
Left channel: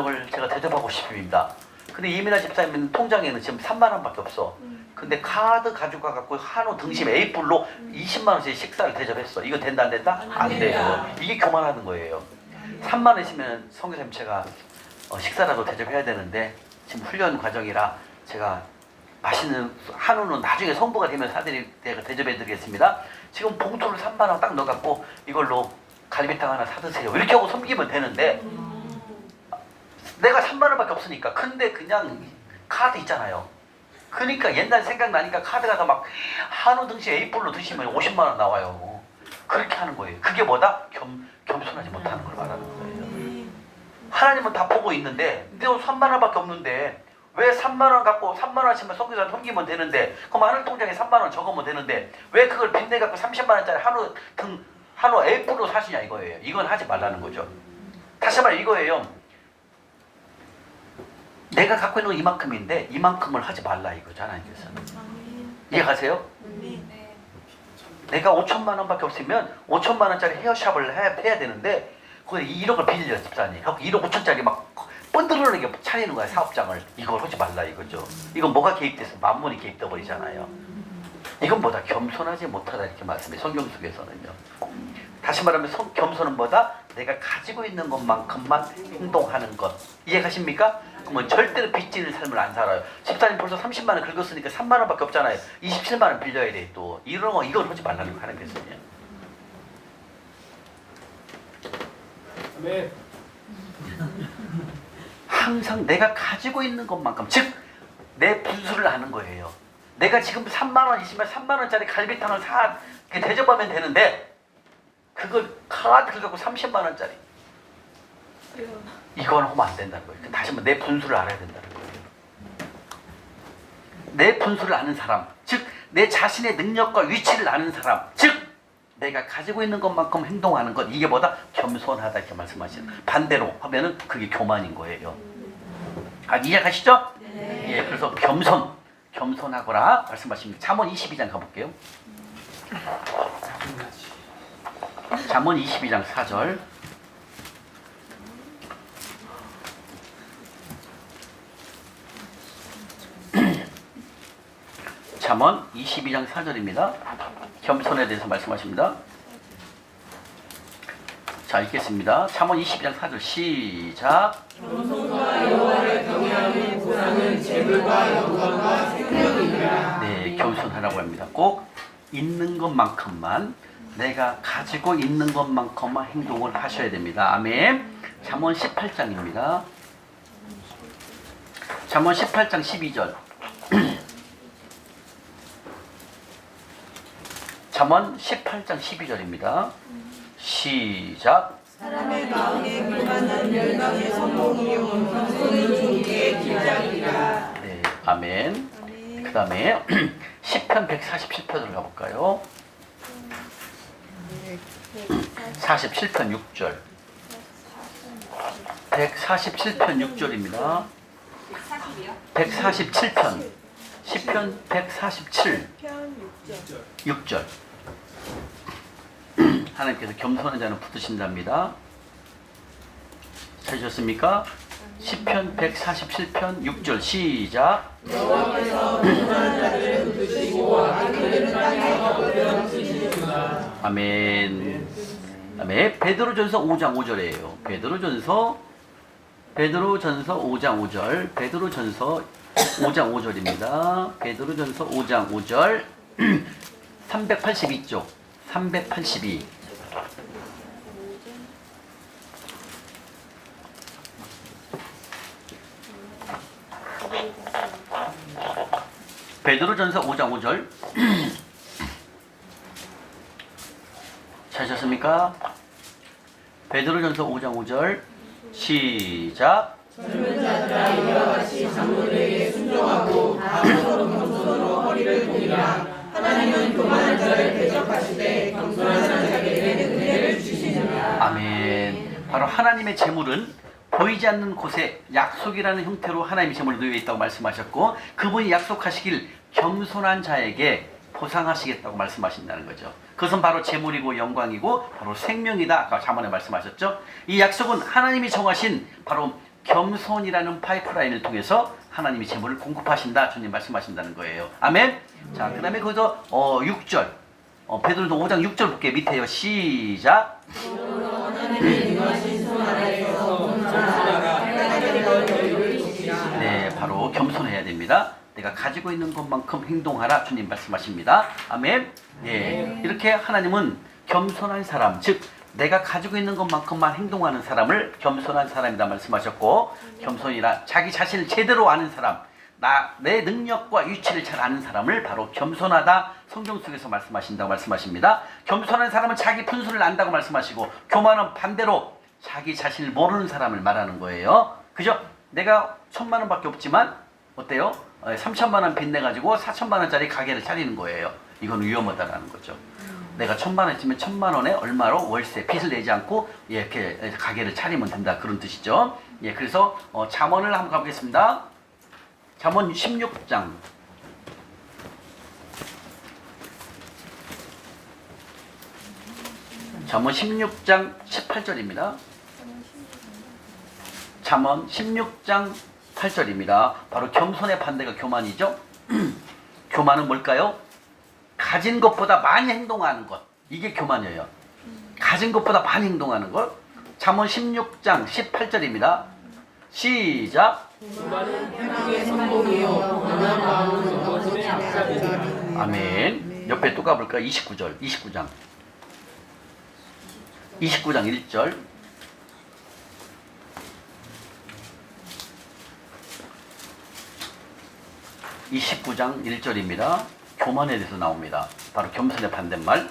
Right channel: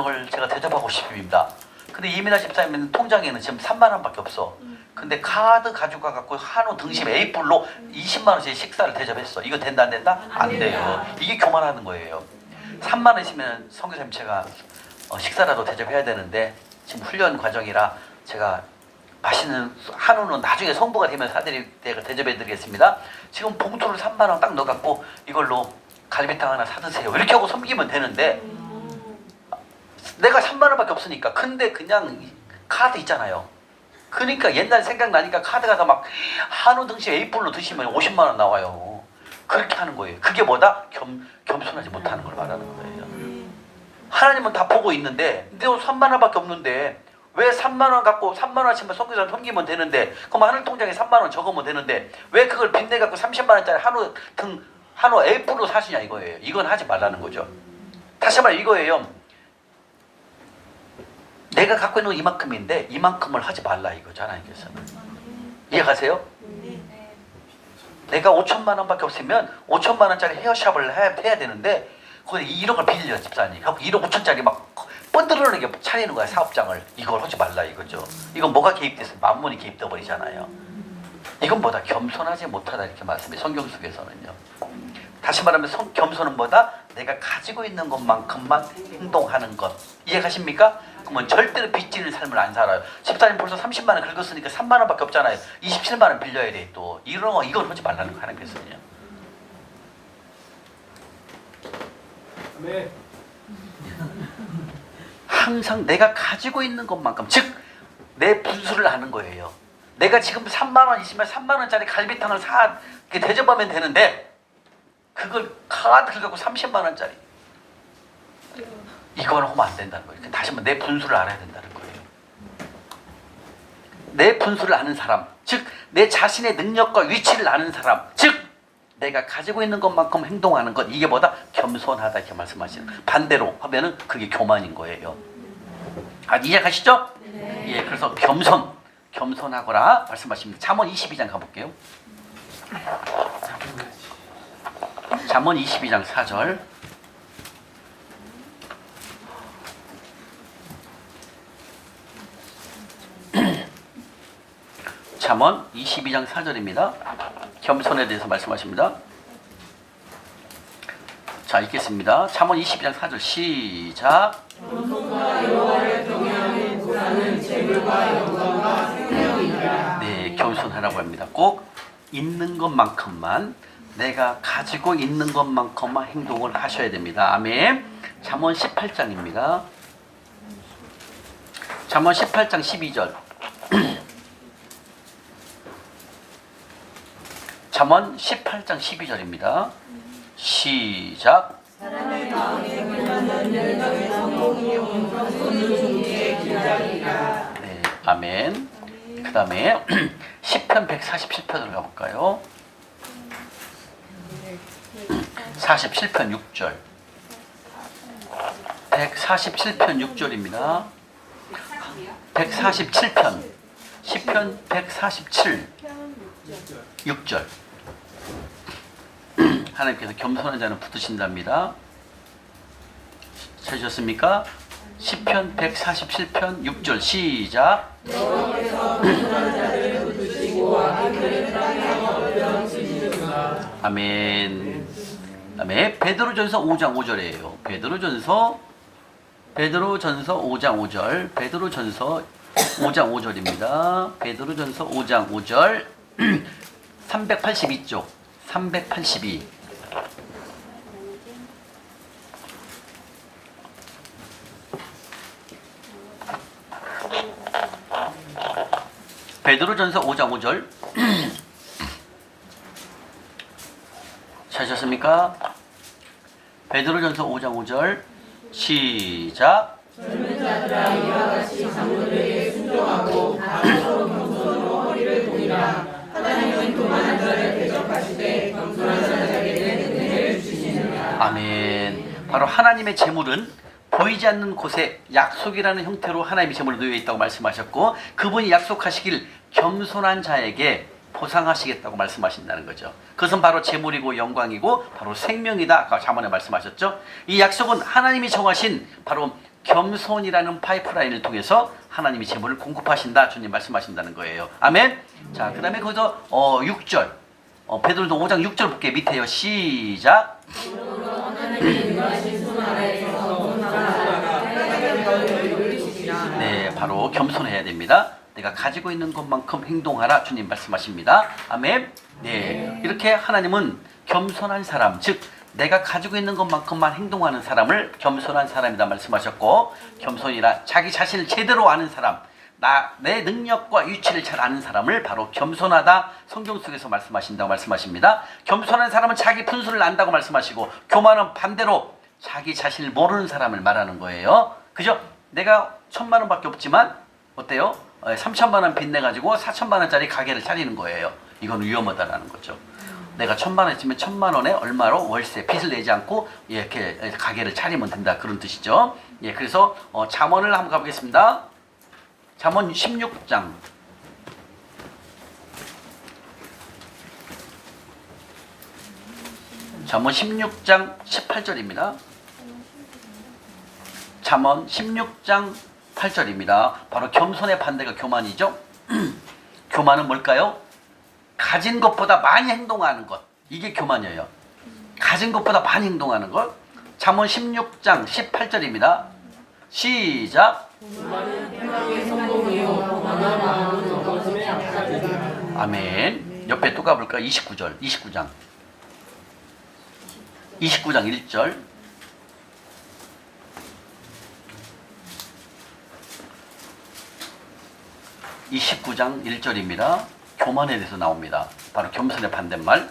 오늘 제가 대접하고 싶습니다. 근데 이민아 집사님 통장에는 지금 3만 원밖에 없어. 근데 카드 가지고 가갖고 한우 등심 A뿔로 20만 원짜리 식사를 대접했어. 이거 된다 안 된다? 안 돼요. 이게 교만하는 거예요. 3만 원 있으면 선교사님 제가 식사라도 대접해야 되는데 지금 훈련 과정이라 제가 맛있는 한우는 나중에 성부가 되면 대접해드리겠습니다. 지금 봉투를 3만 원 딱 넣어갖고 이걸로 갈비탕 하나 사드세요. 이렇게 하고 섬기면 되는데, 내가 3만 원밖에 없으니까. 근데 그냥 카드 있잖아요. 그러니까 옛날 생각나니까 카드 가서 막 한우 등심 A뿔로 드시면 50만 원 나와요. 그렇게 하는 거예요. 그게 뭐다? 겸손하지 못하는 걸 말하는 거예요. 하나님은 다 보고 있는데, 근데 3만 원밖에 없는데 왜 3만 원 갖고 3만 원씩만 선교사를 섬기면 되는데, 그럼 하늘 통장에 3만 원 적으면 되는데 왜 그걸 빚내 갖고 30만 원짜리 한우 A뿔로 사시냐 이거예요. 이건 하지 말라는 거죠. 다시 말해 이거예요. 내가 갖고 있는 건 이만큼인데 이만큼을 하지 말라 이거죠. 하나님께서는. 이해가세요? 내가 5천만 원밖에 없으면 5천만 원짜리 헤어샵을 해야 되는데 거기에 1억을 빌려 집사님. 1억 5천짜리 막 뻔들어내게 차리는 거야 사업장을. 이걸 하지 말라 이거죠. 이건 뭐가 개입돼서 만문이 개입돼 버리잖아요. 이건 뭐다? 겸손하지 못하다 이렇게 말씀해. 성경 속에서는요. 다시 말하면 겸손은 뭐다? 내가 가지고 있는 것만큼만 행동하는 것. 이해가십니까? 그러면 절대로 빚지는 삶을 안 살아요. 집사님 벌써 30만 원 긁었으니까 3만 원밖에 없잖아요. 27만 원 빌려야 돼 또. 이런 거 이걸 하지 말라는 거 하나님께서는요. 네. 항상 내가 가지고 있는 것만큼, 즉 내 분수를 아는 거예요. 내가 지금 3만 원 있으면 3만 원짜리 갈비탕을 이렇게 대접하면 되는데 그걸 카드 긁고 30만 원짜리 이건 하면 안 된다는 거예요. 다시 한번 내 분수를 알아야 된다는 거예요. 내 분수를 아는 사람, 즉 내 자신의 능력과 위치를 아는 사람, 즉 내가 가지고 있는 것만큼 행동하는 것, 이게 뭐다? 겸손하다 이렇게 말씀하시는. 반대로 하면은 그게 교만인 거예요. 이해가시죠? 네. 예, 그래서 겸손하거라 말씀하십니다. 잠언 22장 가볼게요. 잠언 22장 4절. 잠언 22장 4절입니다. 겸손에 대해서 말씀하십니다. 자, 읽겠습니다. 잠언 22장 4절 시작. 겸손과 여호와를 경외하는 보상은 재물과 영광과 생명이니라. 네, 겸손하라고 합니다. 꼭 있는 것만큼만, 내가 가지고 있는 것만큼만 행동을 하셔야 됩니다. 아멘. 잠언 18장입니다. 잠언 18장 12절. 잠언 18장 12절입니다. 시작. 사람의 마음에 교만한 열망의 성공이 겸손은 종기의 길잡이라. 네, 아멘. 그 다음에 시편 147편으로 가볼까요? 47편 6절. 147편 6절입니다. 147편. 시편 147. 6절. 하나님께서 겸손한 자는 붙드신답니다. 찾으셨습니까? 시편 147편 6절 시작. 여호와께서 겸손한 자를 붙드시고 악인들은 땅에서 올려치시리라. 아멘. 다음에 베드로전서 5장 5절이에요. 베드로전서 5장 5절. 베드로전서 5장 5절입니다. 베드로전서 5장 5절. 382쪽. 382. 베드로전서 5장 5절. 찾으셨습니까? 베드로전서 5장 5절. 시작. 젊은 자들아 이와 같이 장로들에게 순종하고 다음으로 겸손으로 허리를 동이라. 하나님은 교만한 자를 대적하시되 겸손한 자들에게 은혜를 주시느니라. 아멘. 바로 하나님의 재물은 보이지 않는 곳에 약속이라는 형태로 하나님의 재물이 놓여 있다고 말씀하셨고, 그분이 약속하시길 겸손한 자에게 보상하시겠다고 말씀하신다는 거죠. 그것은 바로 재물이고 영광이고 바로 생명이다. 아까 잠언에 말씀하셨죠. 이 약속은 하나님이 정하신 바로 겸손이라는 파이프라인을 통해서 하나님이 재물을 공급하신다. 주님 말씀하신다는 거예요. 아멘. 자, 그 다음에 거기서 6절. 베드로도 5장 6절 볼게요. 밑에요. 시작. 네, 바로 겸손해야 됩니다. 내가 가지고 있는 것만큼 행동하라. 주님 말씀하십니다. 아멘. 네, 이렇게 하나님은 겸손한 사람, 즉 내가 가지고 있는 것만큼만 행동하는 사람을 겸손한 사람이다 말씀하셨고, 겸손이라 자기 자신을 제대로 아는 사람, 내 능력과 위치를 잘 아는 사람을 바로 겸손하다 성경 속에서 말씀하신다고 말씀하십니다. 겸손한 사람은 자기 분수를 안다고 말씀하시고, 교만은 반대로 자기 자신을 모르는 사람을 말하는 거예요. 그죠? 내가 1,000만 원밖에 없지만 어때요? 3,000만 원 빚내가지고 4,000만 원짜리 가게를 차리는 거예요. 이건 위험하다라는 거죠. 내가 1,000만 원 있으면 1,000만 원에 얼마로 월세 빚을 내지 않고 이렇게 가게를 차리면 된다, 그런 뜻이죠. 예, 그래서 잠언을 한번 가보겠습니다. 잠언 16장. 잠언 16장 18절입니다. 잠언 16장 8절입니다. 바로 겸손의 반대가 교만이죠. 교만은 뭘까요? 가진 것보다 많이 행동하는 것. 이게 교만이에요. 가진 것보다 많이 행동하는 것. 잠언 16장 18절입니다. 시작. 아멘. 옆에 또 가볼까요? 29절. 29장 1절. 29장 1절입니다. 교만에 대해서 나옵니다. 바로 겸손의 반대말.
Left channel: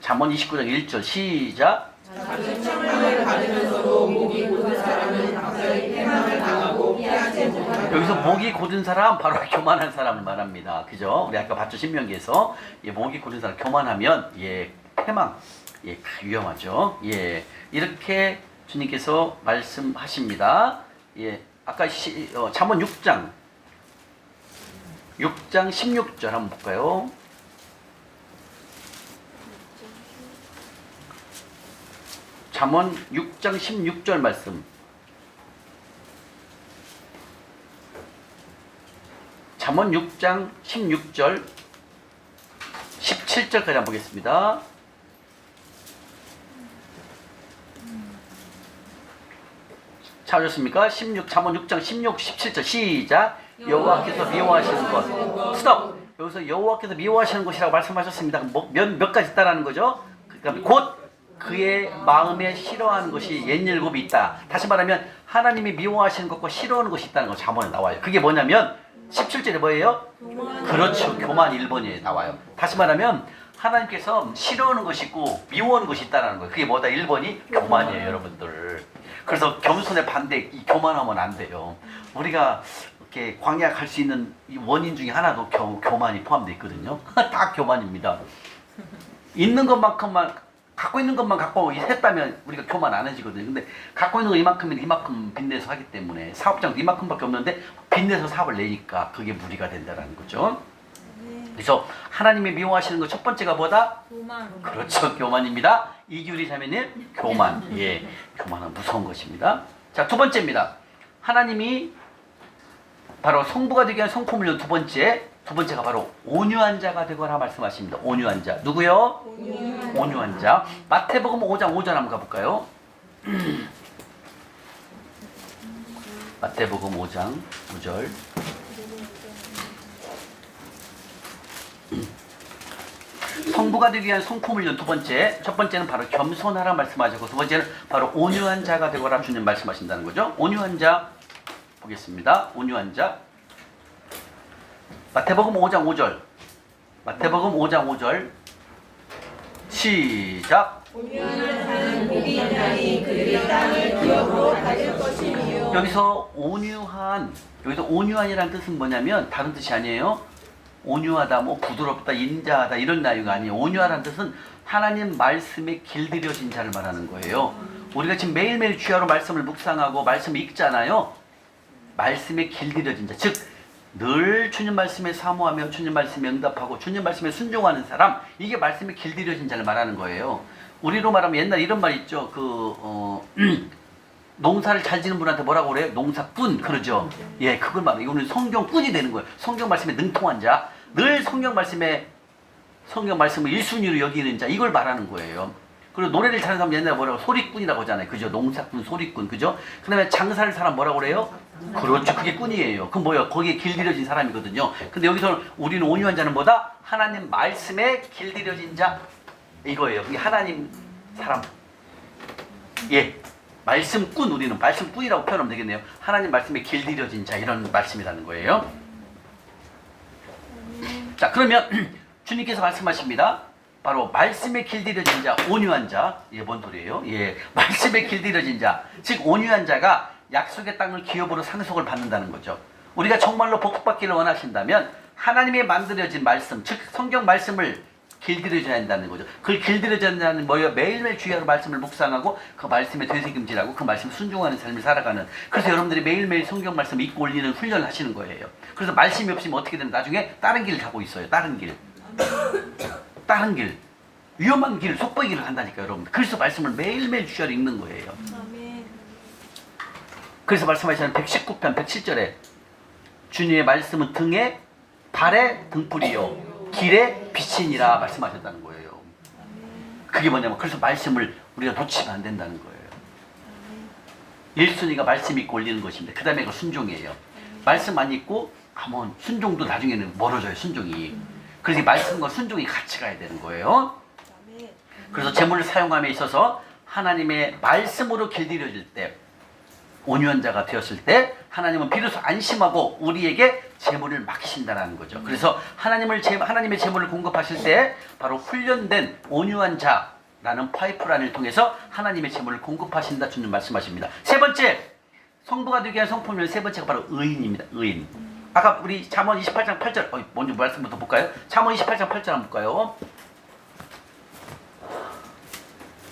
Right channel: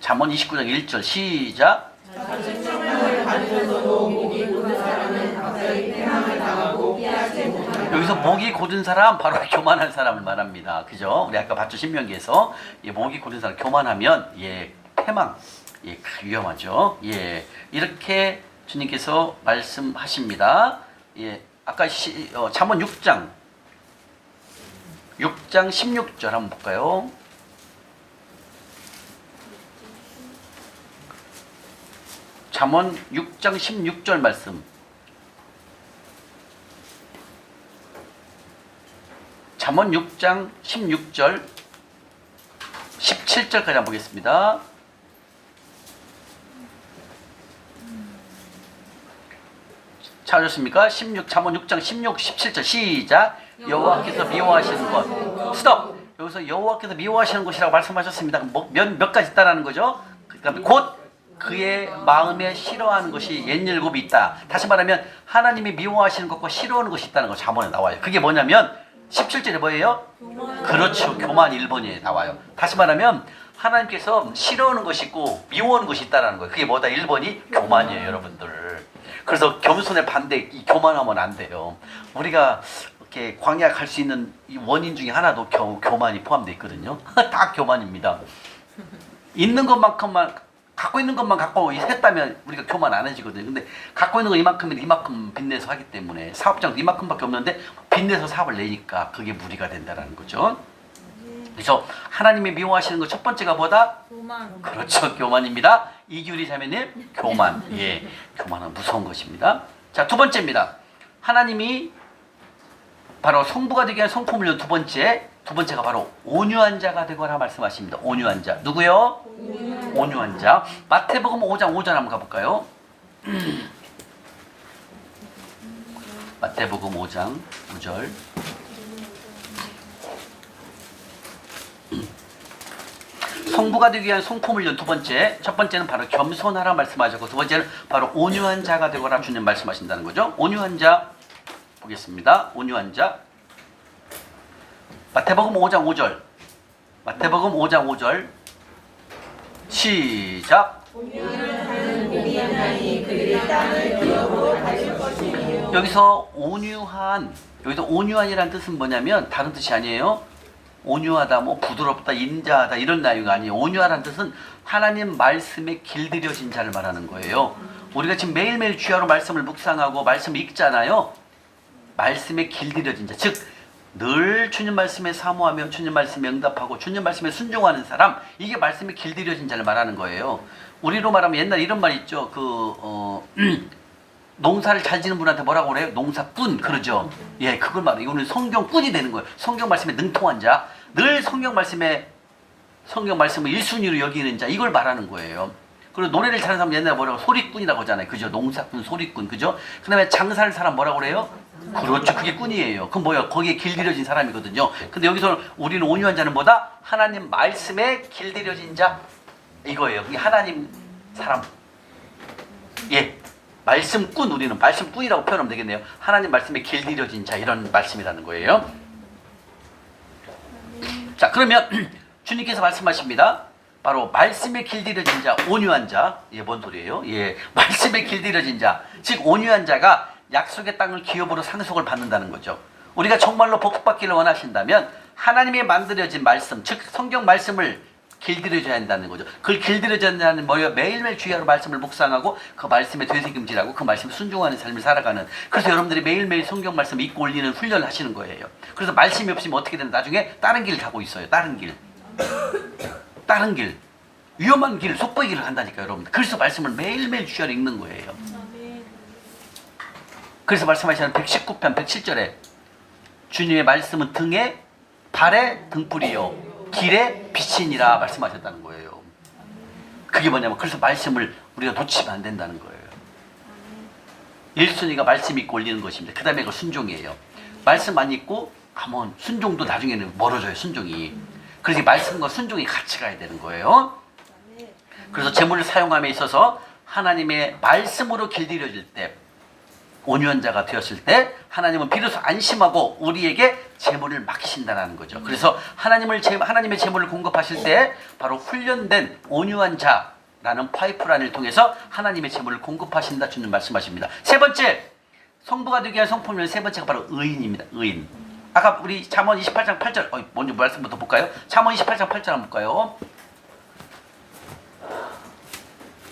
잠언 29장 1절 시작. 작은 책망을 받으면서도 목이 고든 사람은 갑자기 패망을 당하고 피하지 못하는 여기서 목이 곧은 사람 바로 교만한 사람을 말합니다. 그죠? 우리 아까 봤죠? 신명기에서 예, 목이 곧은 사람 교만하면 예, 패망 예, 위험하죠. 예, 이렇게 주님께서 말씀하십니다. 예, 아까 잠언 6장 16절 한번 볼까요? 잠언 6장 16절 말씀. 잠언 6장 16절 17절까지 한번 보겠습니다. 찾으셨습니까? 잠언 6장 16, 17절 시작. 여호와께서 미워하시는 것. 스톱. 여기서 여호와께서 미워하시는 것이라고 말씀하셨습니다. 몇 가지 있다라는 거죠. 그다음에 곧 그의 마음에 싫어하는 것이 옛일곱이 있다. 다시 말하면 하나님이 미워하시는 것과 싫어하는 것이 있다는 거 잠언에 나와요. 그게 뭐냐면 17절에 뭐예요? 그렇죠. 교만 1번에 나와요. 다시 말하면 하나님께서 싫어하는 것이 있고 미워하는 것이 있다는 거예요. 그게 뭐다? 1번이 교만이에요, 여러분들. 그래서 겸손의 반대, 이 교만하면 안 돼요. 우리가 이렇게 광야 갈 수 있는 이 원인 중에 하나도 교만이 포함되어 있거든요. 다 교만입니다. 있는 것만큼만 갖고 있는 것만 갖고 했다면 우리가 교만 안 해지거든요. 근데 갖고 있는 거 이만큼이면 이만큼 빚내서 하기 때문에 사업장도 이만큼밖에 없는데 빚내서 사업을 내니까 그게 무리가 된다는 거죠. 그래서 하나님이 미워하시는 것 첫 번째가 뭐다? 교만. 그렇죠. 교만입니다. 이규리 자매님 교만. 예, 교만은 무서운 것입니다. 자, 두 번째입니다. 하나님이 바로 성부가 되게 한 성품을 연 두 번째가 바로 온유한 자가 되거라 말씀하십니다. 온유한 자. 누구요? 온유한 자. 마태복음 5장 5절 한번 가볼까요? 마태복음 5장 5절. 성부가 되기 위한 성품을 연 두 번째. 첫 번째는 바로 겸손하라 말씀하셨고 두 번째는 바로 온유한 자가 되거라 주님 말씀하신다는 거죠. 온유한 자 보겠습니다. 온유한 자. 마태복음 5장 5절. 마태복음 5장 5절. 시작. 여기서 온유한이라는 뜻은 뭐냐면 다른 뜻이 아니에요. 온유하다, 뭐 부드럽다, 인자하다 이런 내용이 아니에요. 온유하다는 뜻은 하나님 말씀에 길들여진 자를 말하는 거예요. 우리가 지금 매일매일 주야로 말씀을 묵상하고 말씀을 읽잖아요. 말씀에 길들여진 자, 즉 늘 주님 말씀에 사모하며 주님 말씀에 응답하고 주님 말씀에 순종하는 사람, 이게 말씀에 길들여진 자를 말하는 거예요. 우리로 말하면 옛날 이런 말 있죠. 농사를 잘 지는 분한테 뭐라고 그래요? 농사꾼 그러죠. 예, 그걸 말해요. 이거는 성경꾼이 되는 거예요. 성경 말씀에 능통한 자, 늘 성경 말씀을 1순위로 여기는 자, 이걸 말하는 거예요. 그리고 노래를 잘하는 사람 옛날에 뭐라고 소리꾼이라고 하잖아요. 그죠? 농사꾼, 소리꾼, 그죠? 그 다음에 장사를 사람 뭐라고 그래요? 그렇죠. 그게 꾼이에요. 그럼 뭐예요? 거기에 길들여진 사람이거든요. 근데 여기서 우리는 온유한 자는 뭐다? 하나님 말씀에 길들여진 자, 이거예요. 그게 하나님 사람. 예. 말씀꾼, 우리는 말씀꾼이라고 표현하면 되겠네요. 하나님 말씀에 길들여진 자, 이런 말씀이라는 거예요. 자, 그러면 주님께서 말씀하십니다. 바로 말씀에 길들여진 자, 온유한 자. 예, 뭔 소리예요? 예, 말씀에 길들여진 자. 즉 온유한 자가 약속의 땅을 기업으로 상속을 받는다는 거죠. 우리가 정말로 복받기를 원하신다면 하나님의 만들어진 말씀, 즉 성경 말씀을 길들여져야 한다는 거죠. 그걸 길들여져야 한다는 뭐예요? 매일매일 주야로 말씀을 묵상하고 그 말씀에 되새김질하고 그 말씀 순종하는 삶을 살아가는. 그래서 여러분들이 매일매일 성경 말씀 읽고 올리는 훈련을 하시는 거예요. 그래서 말씀이 없으면 어떻게 되나? 나중에 다른 길을 가고 있어요. 다른 길. 위험한 길, 속보의 길을 간다니까요, 여러분들. 그래서 말씀을 매일매일 주야로 읽는 거예요. 그래서 말씀하시는 119편 107절에 주님의 말씀은 등에 발에 등불이요 길에 빛이니라 말씀하셨다는 거예요. 그게 뭐냐면 그래서 말씀을 우리가 놓치면 안 된다는 거예요. 1순위가 말씀 읽고 올리는 것입니다. 그 다음에 그 순종이에요. 말씀 안 읽고 가면 순종도 나중에는 멀어져요. 순종이. 그래서 말씀과 순종이 같이 가야 되는 거예요. 그래서 재물을 사용함에 있어서 하나님의 말씀으로 길들여질 때 온유한 자가 되었을 때 하나님은 비로소 안심하고 우리에게 재물을 맡기신다는 거죠. 그래서 하나님의 재물을 공급하실 때 바로 훈련된 온유한 자라는 파이프라인을 통해서 하나님의 재물을 공급하신다 주님 말씀하십니다. 세 번째, 성부가 되기 위한 성품은 세 번째가 바로 의인입니다. 의인. 아까 우리 잠언 28장 8절 먼저 말씀부터 볼까요? 잠언 28장 8절 한번 볼까요?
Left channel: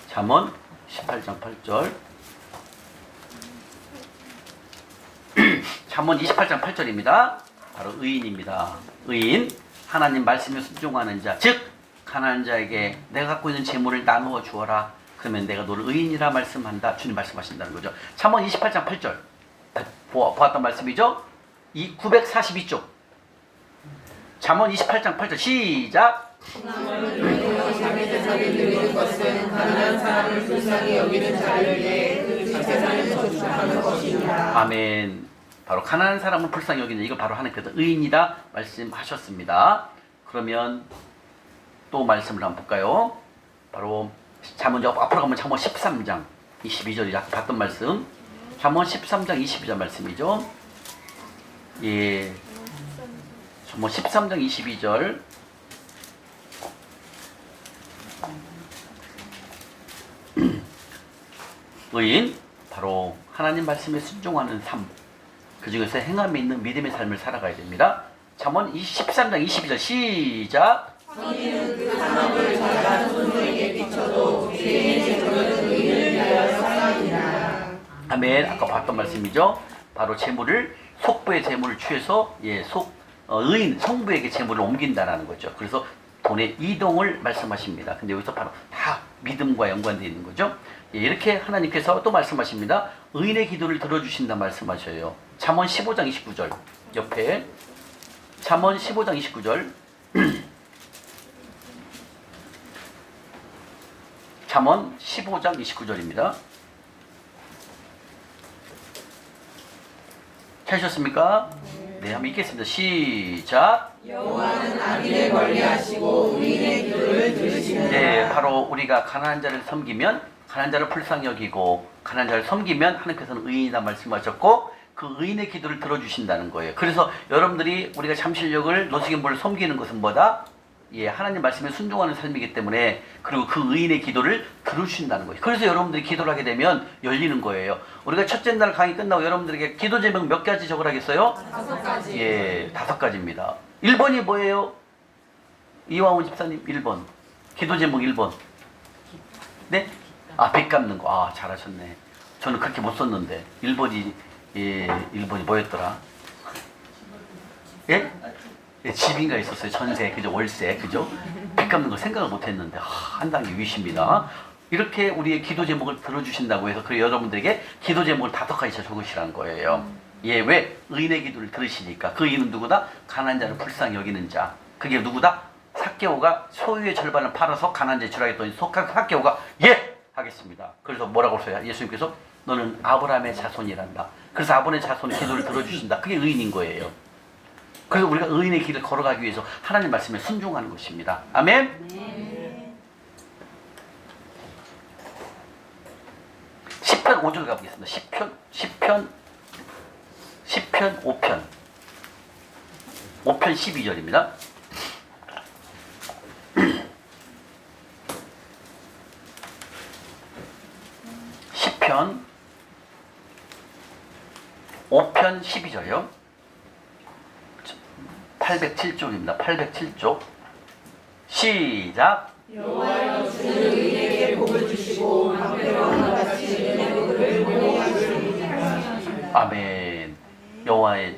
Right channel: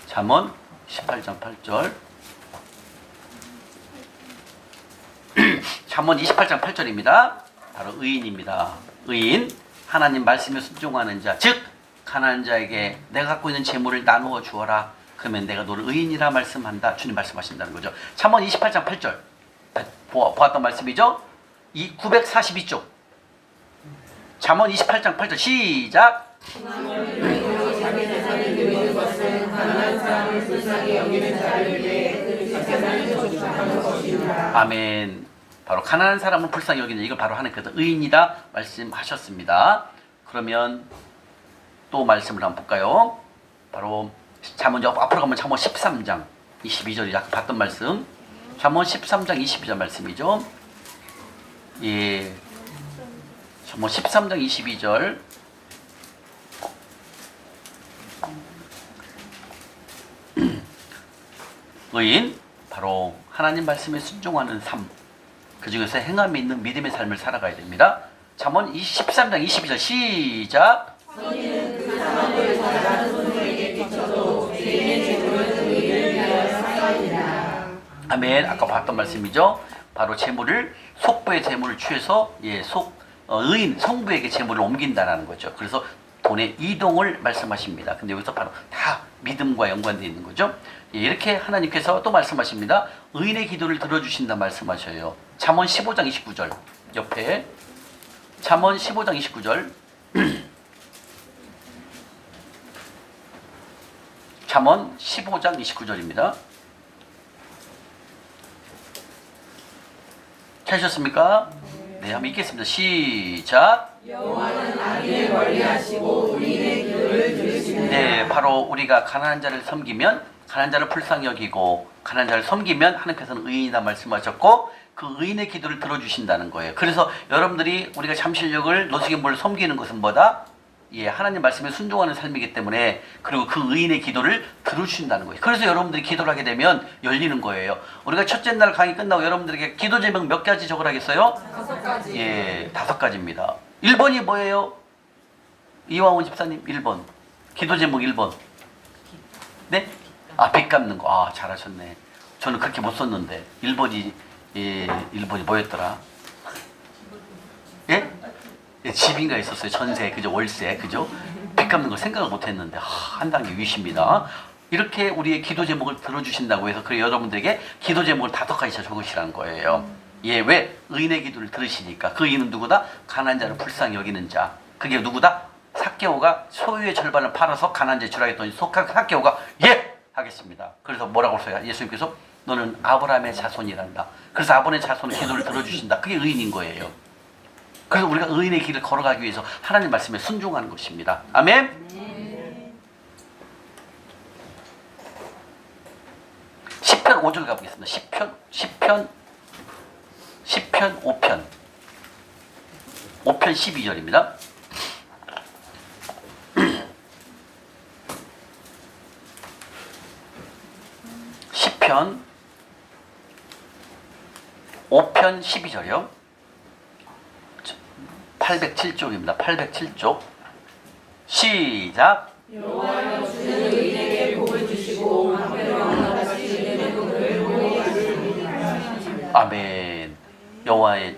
잠언 18장 8절. 잠언 28장 8절입니다. 바로 의인입니다. 의인, 하나님 말씀에 순종하는 자, 즉 가난한 자에게 내가 갖고 있는 재물을 나누어 주어라. 그러면 내가 너를 의인이라 말씀한다. 주님 말씀하신다는 거죠. 잠언 28장 8절 보았던 말씀이죠. 이 942쪽 잠언 28장 8절 시작. 아멘. 바로 가난한 사람을 불쌍히 여기는 이걸 바로 하나님께서 의인이다 말씀하셨습니다. 그러면 또 말씀을 한번 볼까요? 바로 잠언 앞으로 가면 잠언 13장 22절이 아까 봤던 말씀. 잠언 13장 22절 말씀이죠. 예. 잠언 13장 22절. 의인 바로 하나님 말씀에 순종하는 삶. 그 중에서 행함이 있는 믿음의 삶을 살아가야 됩니다. 잠언 13장 22절 시작. 아멘. 아까 봤던 말씀이죠. 바로 재물을 속부의 재물을 취해서 의인 성부에게 재물을 옮긴다라는 거죠. 그래서 돈의 이동을 말씀하십니다. 근데 여기서 바로 다 믿음과 연관되어 있는 거죠. 예, 이렇게 하나님께서 또 말씀하십니다. 의인의 기도를 들어주신다 말씀하셔요. 잠언 15장 29절 옆에 잠언 15장 29절 잠언 15장 29절입니다. 찾으셨습니까? 네, 한번 읽겠습니다. 시작. 여호와는 악인을 멀리하시고 의인의 기도를 들으시느니라. 네, 바로 우리가 가난한 자를 섬기면 가난한 자를 불쌍히 여기고 가난한 자를 섬기면 하나님께서는 의인이다 말씀하셨고 그 의인의 기도를 들어주신다는 거예요. 그래서 여러분들이 우리가 잠실역을 노숙인부를 섬기는 것은 뭐다? 예, 하나님 말씀에 순종하는 삶이기 때문에 그리고 그 의인의 기도를 들어주신다는 거예요. 그래서 여러분들이 기도를 하게 되면 열리는 거예요. 우리가 첫째 날 강의 끝나고 여러분들에게 기도 제목 몇 가지 적으라겠어요? 5가지. 예, 5가지입니다. 1번이 뭐예요? 이왕훈 집사님 1번. 기도 제목 1번. 네? 아, 빚 갚는 거. 아, 잘하셨네. 저는 그렇게 못 썼는데. 1번이, 예, 1번이 뭐였더라? 예? 예, 집인가 있었어요. 전세, 그죠? 월세, 그죠? 빚 갚는 걸 생각을 못 했는데, 한 단계 위십니다. 이렇게 우리의 기도 제목을 들어주신다고 해서, 그래 여러분들에게 기도 제목을 5가지 적으시라는 거예요. 예, 왜? 의인의 기도를 들으시니까. 그 의인은 누구다? 가난한 자를 불쌍히 여기는 자. 그게 누구다? 삭개오가 소유의 절반을 팔아서 가난한 자에 주라 했더니 삭개오가 예! 하겠습니다. 그래서 뭐라고 써요? 예수님께서 너는 아브라함의 자손이란다. 그래서 아브라함의 자손의 기도를 들어주신다. 그게 의인인 거예요. 그래서 우리가 의인의 길을 걸어가기 위해서 하나님 말씀에 순종하는 것입니다. 아멘? 네. 시편 5절 가보겠습니다. 시편 5편 12절입니다. 시편 5편 12절이요. 807쪽입니다. 807쪽 시작. 여호와여 주는 의인에게 복을 주시고 방패와 같이 은혜의 복을 보내게 하시리이다. 아멘. 여호와의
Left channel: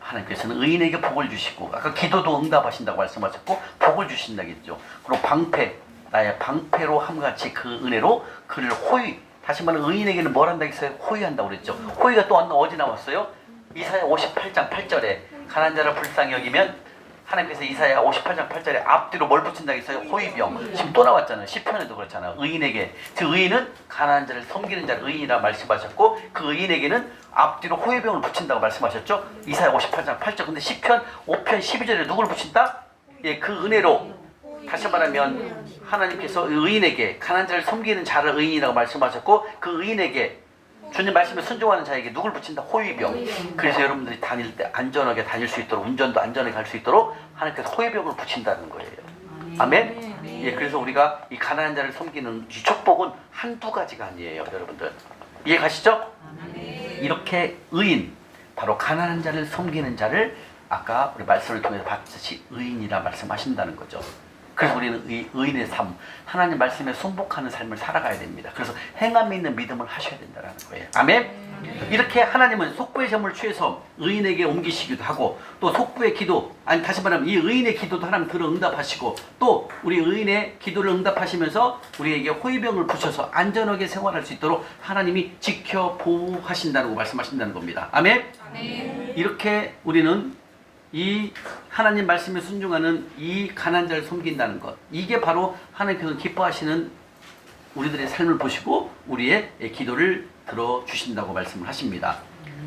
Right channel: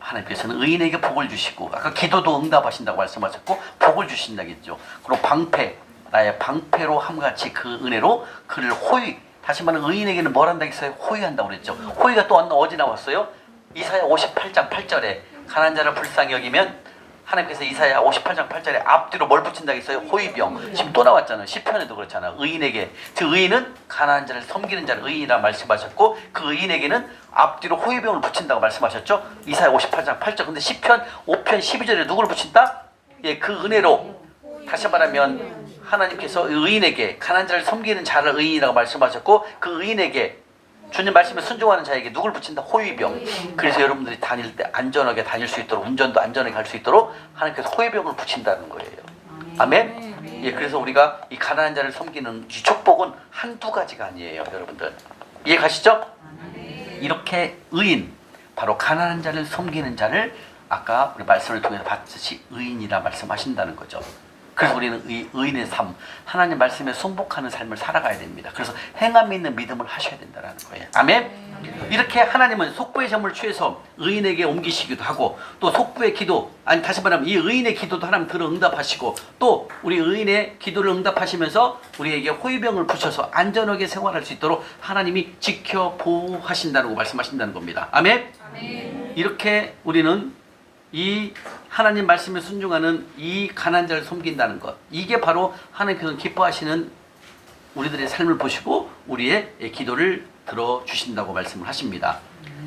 하나님께서는 의인에게 복을 주시고 아까 기도도 응답하신다고 말씀하셨고 복을 주신다겠죠. 그리고 방패 나의 방패로 함같이 그 은혜로 그를 호위 다시 말하면 의인에게는 뭘 한다 했어요? 호위한다고 그랬죠. 호위가 또 어디 나왔어요? 이사야 58장 8절에 가난한 자를 불쌍히 여기면 하나님께서 이사야 58장 8절에 앞뒤로 뭘 붙인다 했어요? 호위병. 지금 또 나왔잖아요. 시편에도 그렇잖아요. 의인에게. 즉 의인은 가난한 자를 섬기는 자를 의인이라 말씀하셨고 그 의인에게는 앞뒤로 호위병을 붙인다고 말씀하셨죠. 이사야 58장 8절. 근데 시편 5편 12절에 누구를 붙인다? 예, 그 은혜로. 다시 말하면 하나님께서 의인에게 가난한 자를 섬기는 자를 의인이라고 말씀하셨고 그 의인에게 주님 말씀에 순종하는 자에게 누굴 붙인다? 호위병. 그래서 여러분들이 다닐 때 안전하게 다닐 수 있도록 운전도 안전하게 할 수 있도록 하나님께서 호위병을 붙인다는 거예요. 아멘? 예, 그래서 우리가 이 가난한 자를 섬기는 이 축복은 한두 가지가 아니에요, 여러분들. 이해 가시죠? 네. 이렇게 의인, 바로 가난한 자를 섬기는 자를 아까 우리 말씀을 통해서 봤듯이 의인이라 말씀하신다는 거죠. 그래서 우리는 의인의 삶, 하나님 말씀에 순복하는 삶을 살아가야 됩니다. 그래서 행함이 있는 믿음을 하셔야 된다는 거예요. 아멘? 이렇게 하나님은 속부의 점을 취해서 의인에게 옮기시기도 하고, 또 속부의 기도, 아니 다시 말하면 이 의인의 기도도 하나님 들어 응답하시고, 또 우리 의인의 기도를 응답하시면서 우리에게 호위병을 붙여서 안전하게 생활할 수 있도록 하나님이 지켜 보호하신다고 말씀하신다는 겁니다. 아멘? 이렇게 우리는 이 하나님 말씀에 순종하는 이 가난한 자를 섬긴다는 것, 이게 바로 하나님께서 기뻐하시는 우리들의 삶을 보시고 우리의 기도를 들어주신다고 말씀을 하십니다.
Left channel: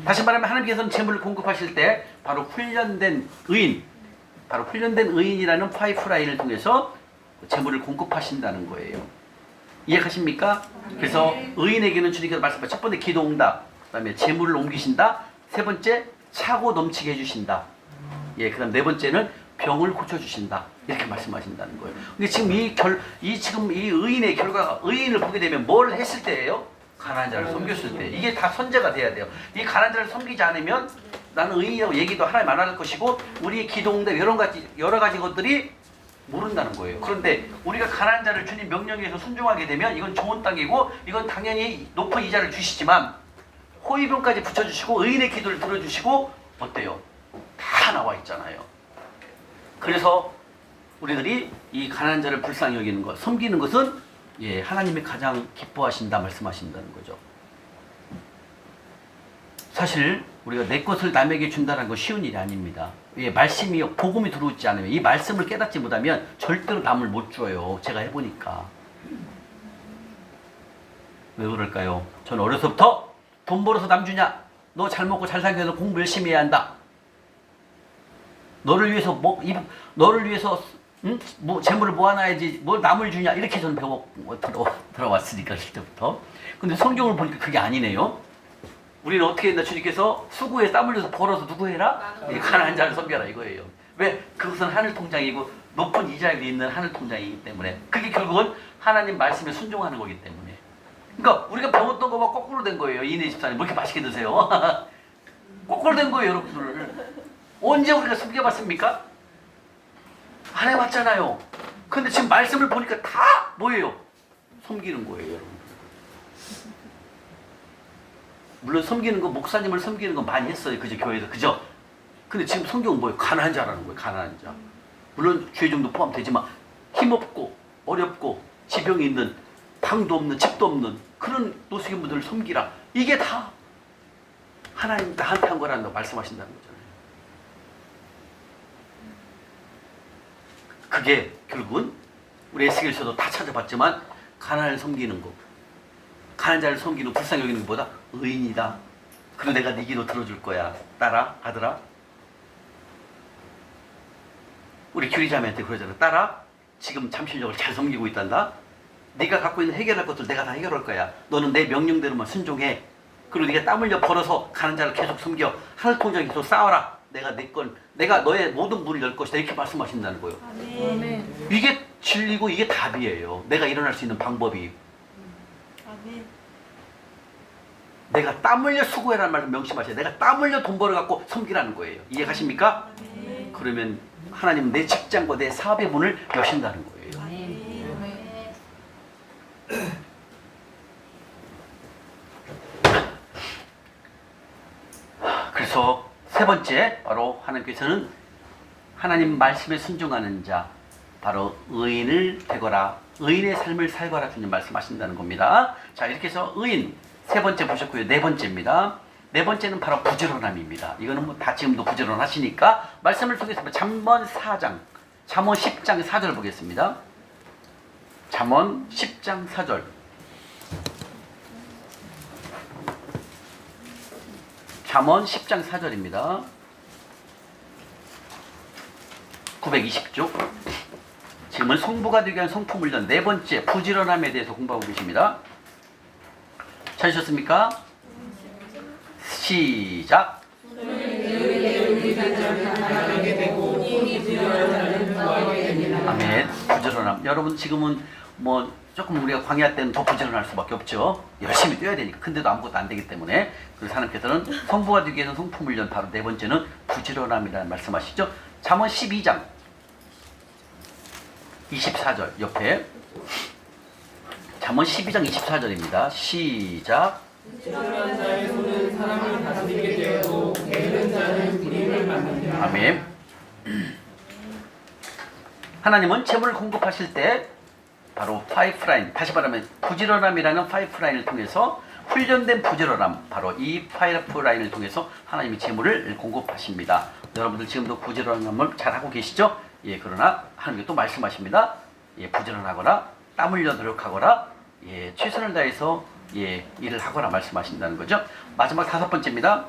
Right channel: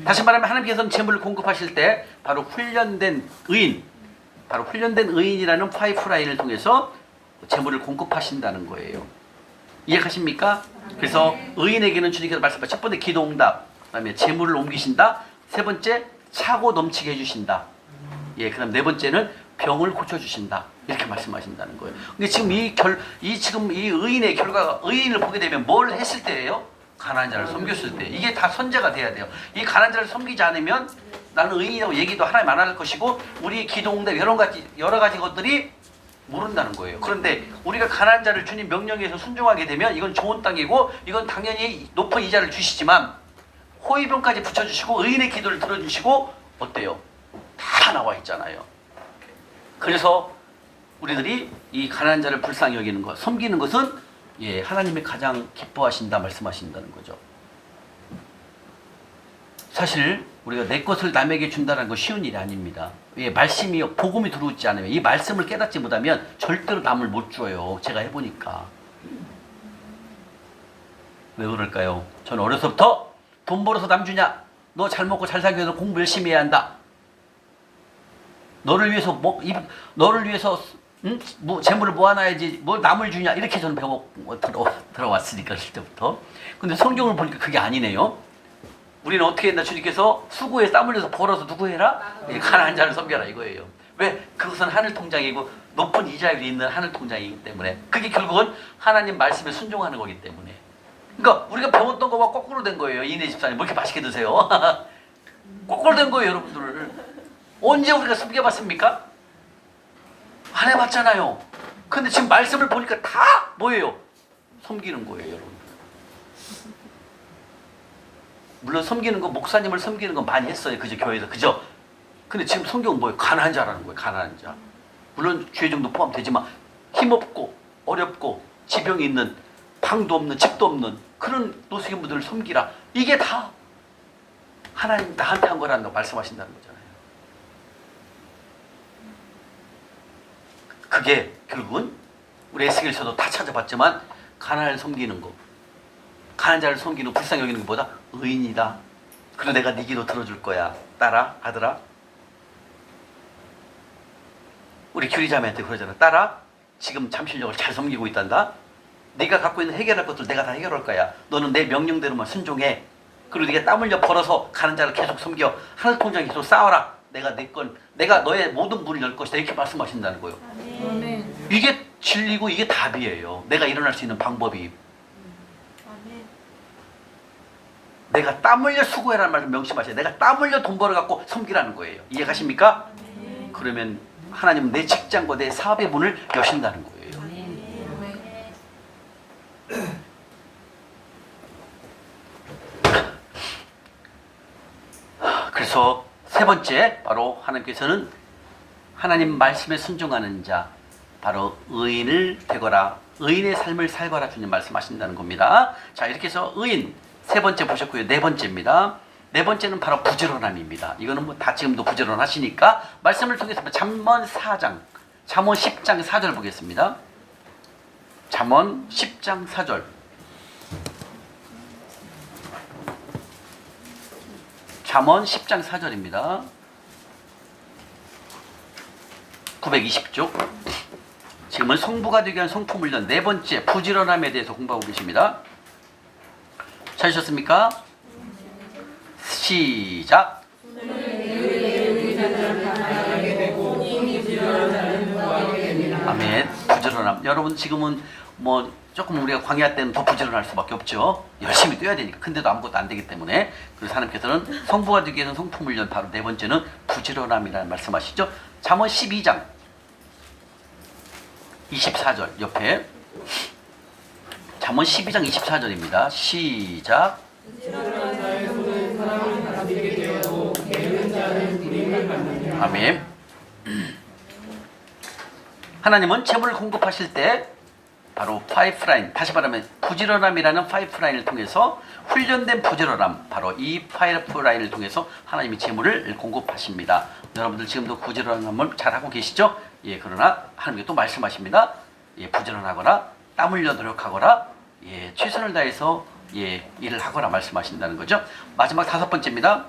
다시 말하면 하나님께서는 재물을 공급하실 때 바로 훈련된 의인, 바로 훈련된 의인이라는 파이프라인을 통해서 재물을 공급하신다는 거예요. 이해하십니까? 그래서 의인에게는 주님께서 말씀하신 첫 번째 기도응답, 그 다음에 재물을 옮기신다, 세 번째 차고 넘치게 해주신다, 예, 그다음 네 번째는 병을 고쳐주신다, 이렇게 말씀하신다는 거예요. 근데 지금 지금 이 의인의 결과가, 의인을 보게 되면 뭘 했을 때예요? 가난한 자를 섬겼을 때. 이게 다 선제가 돼야 돼요. 이 가난한 자를 섬기지 않으면 나는 의인이라고 얘기도 하나님 안 할 것이고, 우리의 기도응답 여러 가지 것들이 모른다는 거예요. 그런데 우리가 가난한 자를 주님 명령에 서 순종하게 되면 이건 좋은 땅이고, 이건 당연히 높은 이자를 주시지만 호위병까지 붙여주시고 의인의 기도를 들어주시고, 어때요? 다 나와 있잖아요. 그래서 우리들이 이 가난한 자를 불쌍히 여기는 것, 섬기는 것은 예, 하나님이 가장 기뻐하신다 말씀하신다는 거죠. 사실 우리가 내 것을 남에게 준다는 건 쉬운 일이 아닙니다. 예, 말씀이, 복음이 들어오지 않으면, 이 말씀을 깨닫지 못하면 절대로 남을 못 줘요. 제가 해보니까. 왜 그럴까요? 저는 어려서부터 돈 벌어서 남 주냐? 너 잘 먹고 잘 살기 위해서 공부 열심히 해야 한다. 너를 위해서 재물을 모아놔야지 뭘 남을 주냐, 이렇게 저는 들어왔으니까 어릴 때부터. 근데 성경을 보니까 그게 아니네요. 우리는 어떻게 했나? 주님께서 수고해 땀 흘려서 벌어서 누구 해라? 가난한 자를 섬겨라 이거예요. 왜? 그것은 하늘 통장이고 높은 이자율이 있는 하늘 통장이기 때문에, 그게 결국은 하나님 말씀에 순종하는 거기 때문에. 그러니까 우리가 배웠던 거와 거꾸로 된 거예요. 이내 집사님 뭐 이렇게 맛있게 드세요? 거꾸로 된 거예요, 여러분들. 언제 우리가 섬겨봤습니까? 안 해봤잖아요. 근데 지금 말씀을 보니까 다 뭐예요? 섬기는 거예요, 여러분. 물론 섬기는 거, 목사님을 섬기는 건 많이 했어요, 그죠? 교회에서, 그죠? 근데 지금 성경은 뭐예요? 가난한 자라는 거예요, 가난한 자. 물론 죄 정도 포함되지만 힘없고 어렵고 지병이 있는, 방도 없는, 집도 없는 그런 노숙인분들을 섬기라. 이게 다 하나님 나한테 한 거라는 거 말씀하신다는 거잖아요. 그게 결국은 우리 에스겔에서도 다 찾아봤지만 가난을 섬기는 거, 가난한 자를 섬기는, 불쌍히 여기는 것보다 의인이다. 그리고 내가 네 기도 들어줄 거야. 딸아, 아들아. 우리 규리자매한테 그러잖아. 딸아, 지금 잠실력을 잘 섬기고 있단다. 네가 갖고 있는 해결할 것들 내가 다 해결할 거야. 너는 내 명령대로만 순종해. 그리고 네가 땀 흘려 벌어서 가난한 자를 계속 섬겨. 하늘 통장 계속 쌓아라. 내가 너의 모든 문을 열 것이다. 이렇게 말씀하신다는 거예요. 아멘. 이게 진리고 이게 답이에요. 내가 일어날 수 있는 방법이. 아멘. 내가 땀 흘려 수고해라는 말을 명심하세요. 내가 땀 흘려 돈 벌어갖고 섬기라는 거예요. 이해가십니까? 아멘. 그러면 하나님은 내 직장과 내 사업의 문을 여신다는 거예요. 그래서 세 번째, 바로 하나님께서는 하나님 말씀에 순종하는 자, 바로 의인을 되거라, 의인의 삶을 살거라 주님 말씀하신다는 겁니다. 자, 이렇게 해서 의인 세 번째 보셨고요. 네 번째입니다. 네 번째는 바로 부지런함입니다. 이거는 뭐 다 지금도 부지런하시니까 말씀을 통해서 잠언 10장 4절 보겠습니다. 잠언 10장 4절. 잠언 10장 4절입니다. 920쪽. 지금은 성부가 되기 위한 성품훈련 네 번째, 부지런함에 대해서 공부하고 계십니다. 찾으셨습니까? 시작. 아멘. 부지런함. 여러분 지금은 뭐 조금 우리가 광야 때는 더 부지런할 수밖에 없죠. 열심히 뛰어야 되니까. 근데도 아무것도 안 되기 때문에. 그래서 하나님께서는 성부가 되기 위해서는 성품훈련, 바로 네 번째는 부지런함이라는 말씀하시죠. 잠언 12장 24절 옆에 잠언 12장 24절입니다. 시작. 부지런한 자의 손은 사람을 다스리게 되었고 게으른 자는 불임을 받느니라. 아멘. 하나님은 재물을 공급하실 때 바로 파이프라인, 다시 말하면 부지런함이라는 파이프라인을 통해서 훈련된 부지런함, 바로 이 파이프라인을 통해서 하나님이 재물을 공급하십니다. 여러분들 지금도 부지런함을 잘하고 계시죠? 예, 그러나 하나님께 또 말씀하십니다. 예, 부지런하거나 땀 흘려 노력하거나 예, 최선을 다해서 예, 일을 하거나 말씀하신다는 거죠. 마지막 다섯 번째입니다.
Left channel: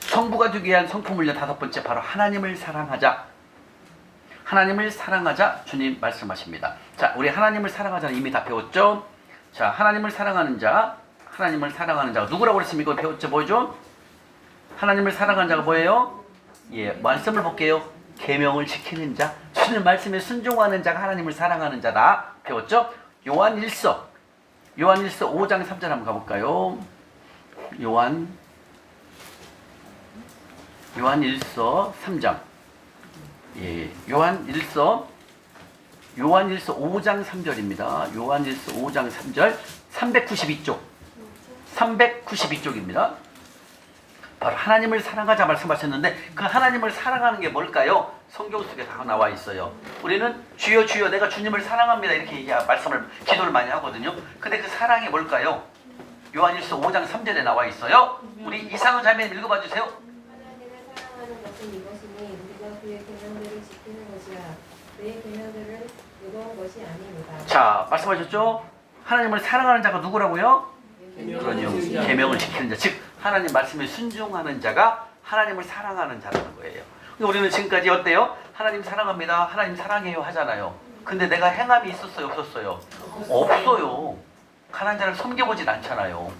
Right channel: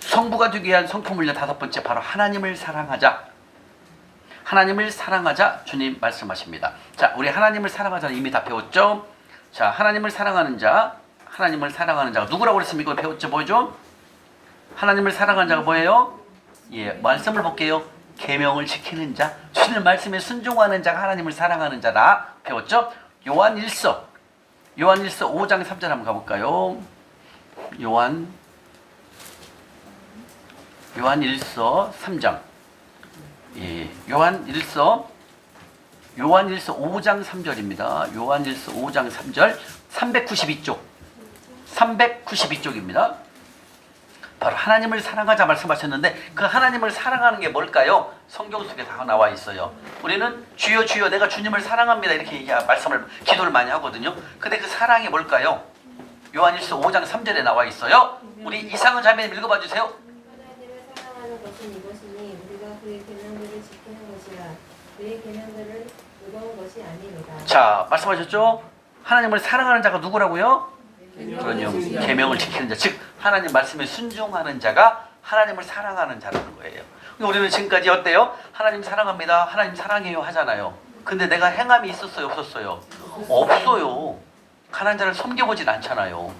성부가 되기 위한 성품훈련 다섯 번째, 바로 하나님을 사랑하자. 하나님을 사랑하자 주님 말씀하십니다. 자, 우리 하나님을 사랑하자는 이미 다 배웠죠? 자, 하나님을 사랑하는 자, 하나님을 사랑하는 자가 누구라고 그랬습니까? 이거 배웠죠? 뭐죠? 하나님을 사랑하는 자가 뭐예요? 예, 말씀을 볼게요. 계명을 지키는 자, 주님 말씀에 순종하는 자가 하나님을 사랑하는 자다. 배웠죠? 요한일서 5장 3절 한번 가볼까요? 요한일서 3장. 예, 요한일서 5장 3절입니다. 요한일서 5장 3절 392쪽입니다. 바로 하나님을 사랑하자 말씀하셨는데 그 하나님을 사랑하는 게 뭘까요? 성경 속에 다 나와 있어요. 우리는 주여 주여 내가 주님을 사랑합니다 이렇게 말씀을 기도를 많이 하거든요. 근데 그 사랑이 뭘까요? 요한일서 5장 3절에 나와 있어요. 우리 이상은 자매님 읽어봐 주세요. 하나님을 사랑하는 것은 이것이니 우리가 그의 계명들을 지키는 것이라 그의 계명들을 의도한 것이 아닙니다. 자, 말씀하셨죠? 하나님을 사랑하는 자가 누구라고요? 그럼요. 계명을 지키는 자, 즉 하나님 말씀에 순종하는 자가 하나님을 사랑하는 자라는 거예요. 우리는 지금까지 어때요? 하나님 사랑합니다, 하나님 사랑해요 하잖아요. 근데 내가 행함이 있었어요, 없었어요? 없어요. 가난한 자를 섬겨보진 않잖아요.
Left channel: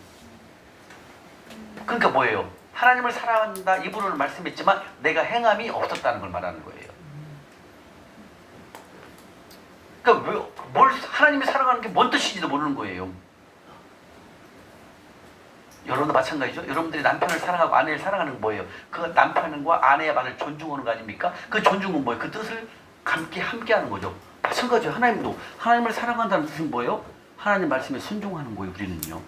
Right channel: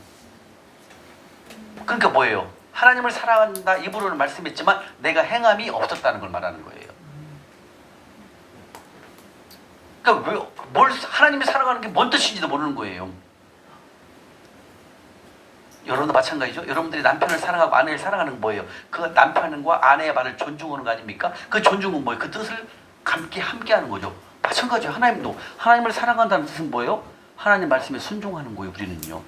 그러니까 뭐예요? 하나님을 사랑한다 입으로는 말씀했지만 내가 행함이 없었다는 걸 말하는 거예요. 그러니까 뭘 하나님이 사랑하는 게 뭔 뜻인지도 모르는 거예요. 여러분도 마찬가지죠. 여러분들이 남편을 사랑하고 아내를 사랑하는 건 뭐예요? 그 남편과 아내의 말을 존중하는 거 아닙니까? 그 존중은 뭐예요? 그 뜻을 함께하는 거죠. 마찬가지예요. 하나님도 하나님을 사랑한다는 뜻은 뭐예요? 하나님 말씀에 순종하는 거예요. 우리는요.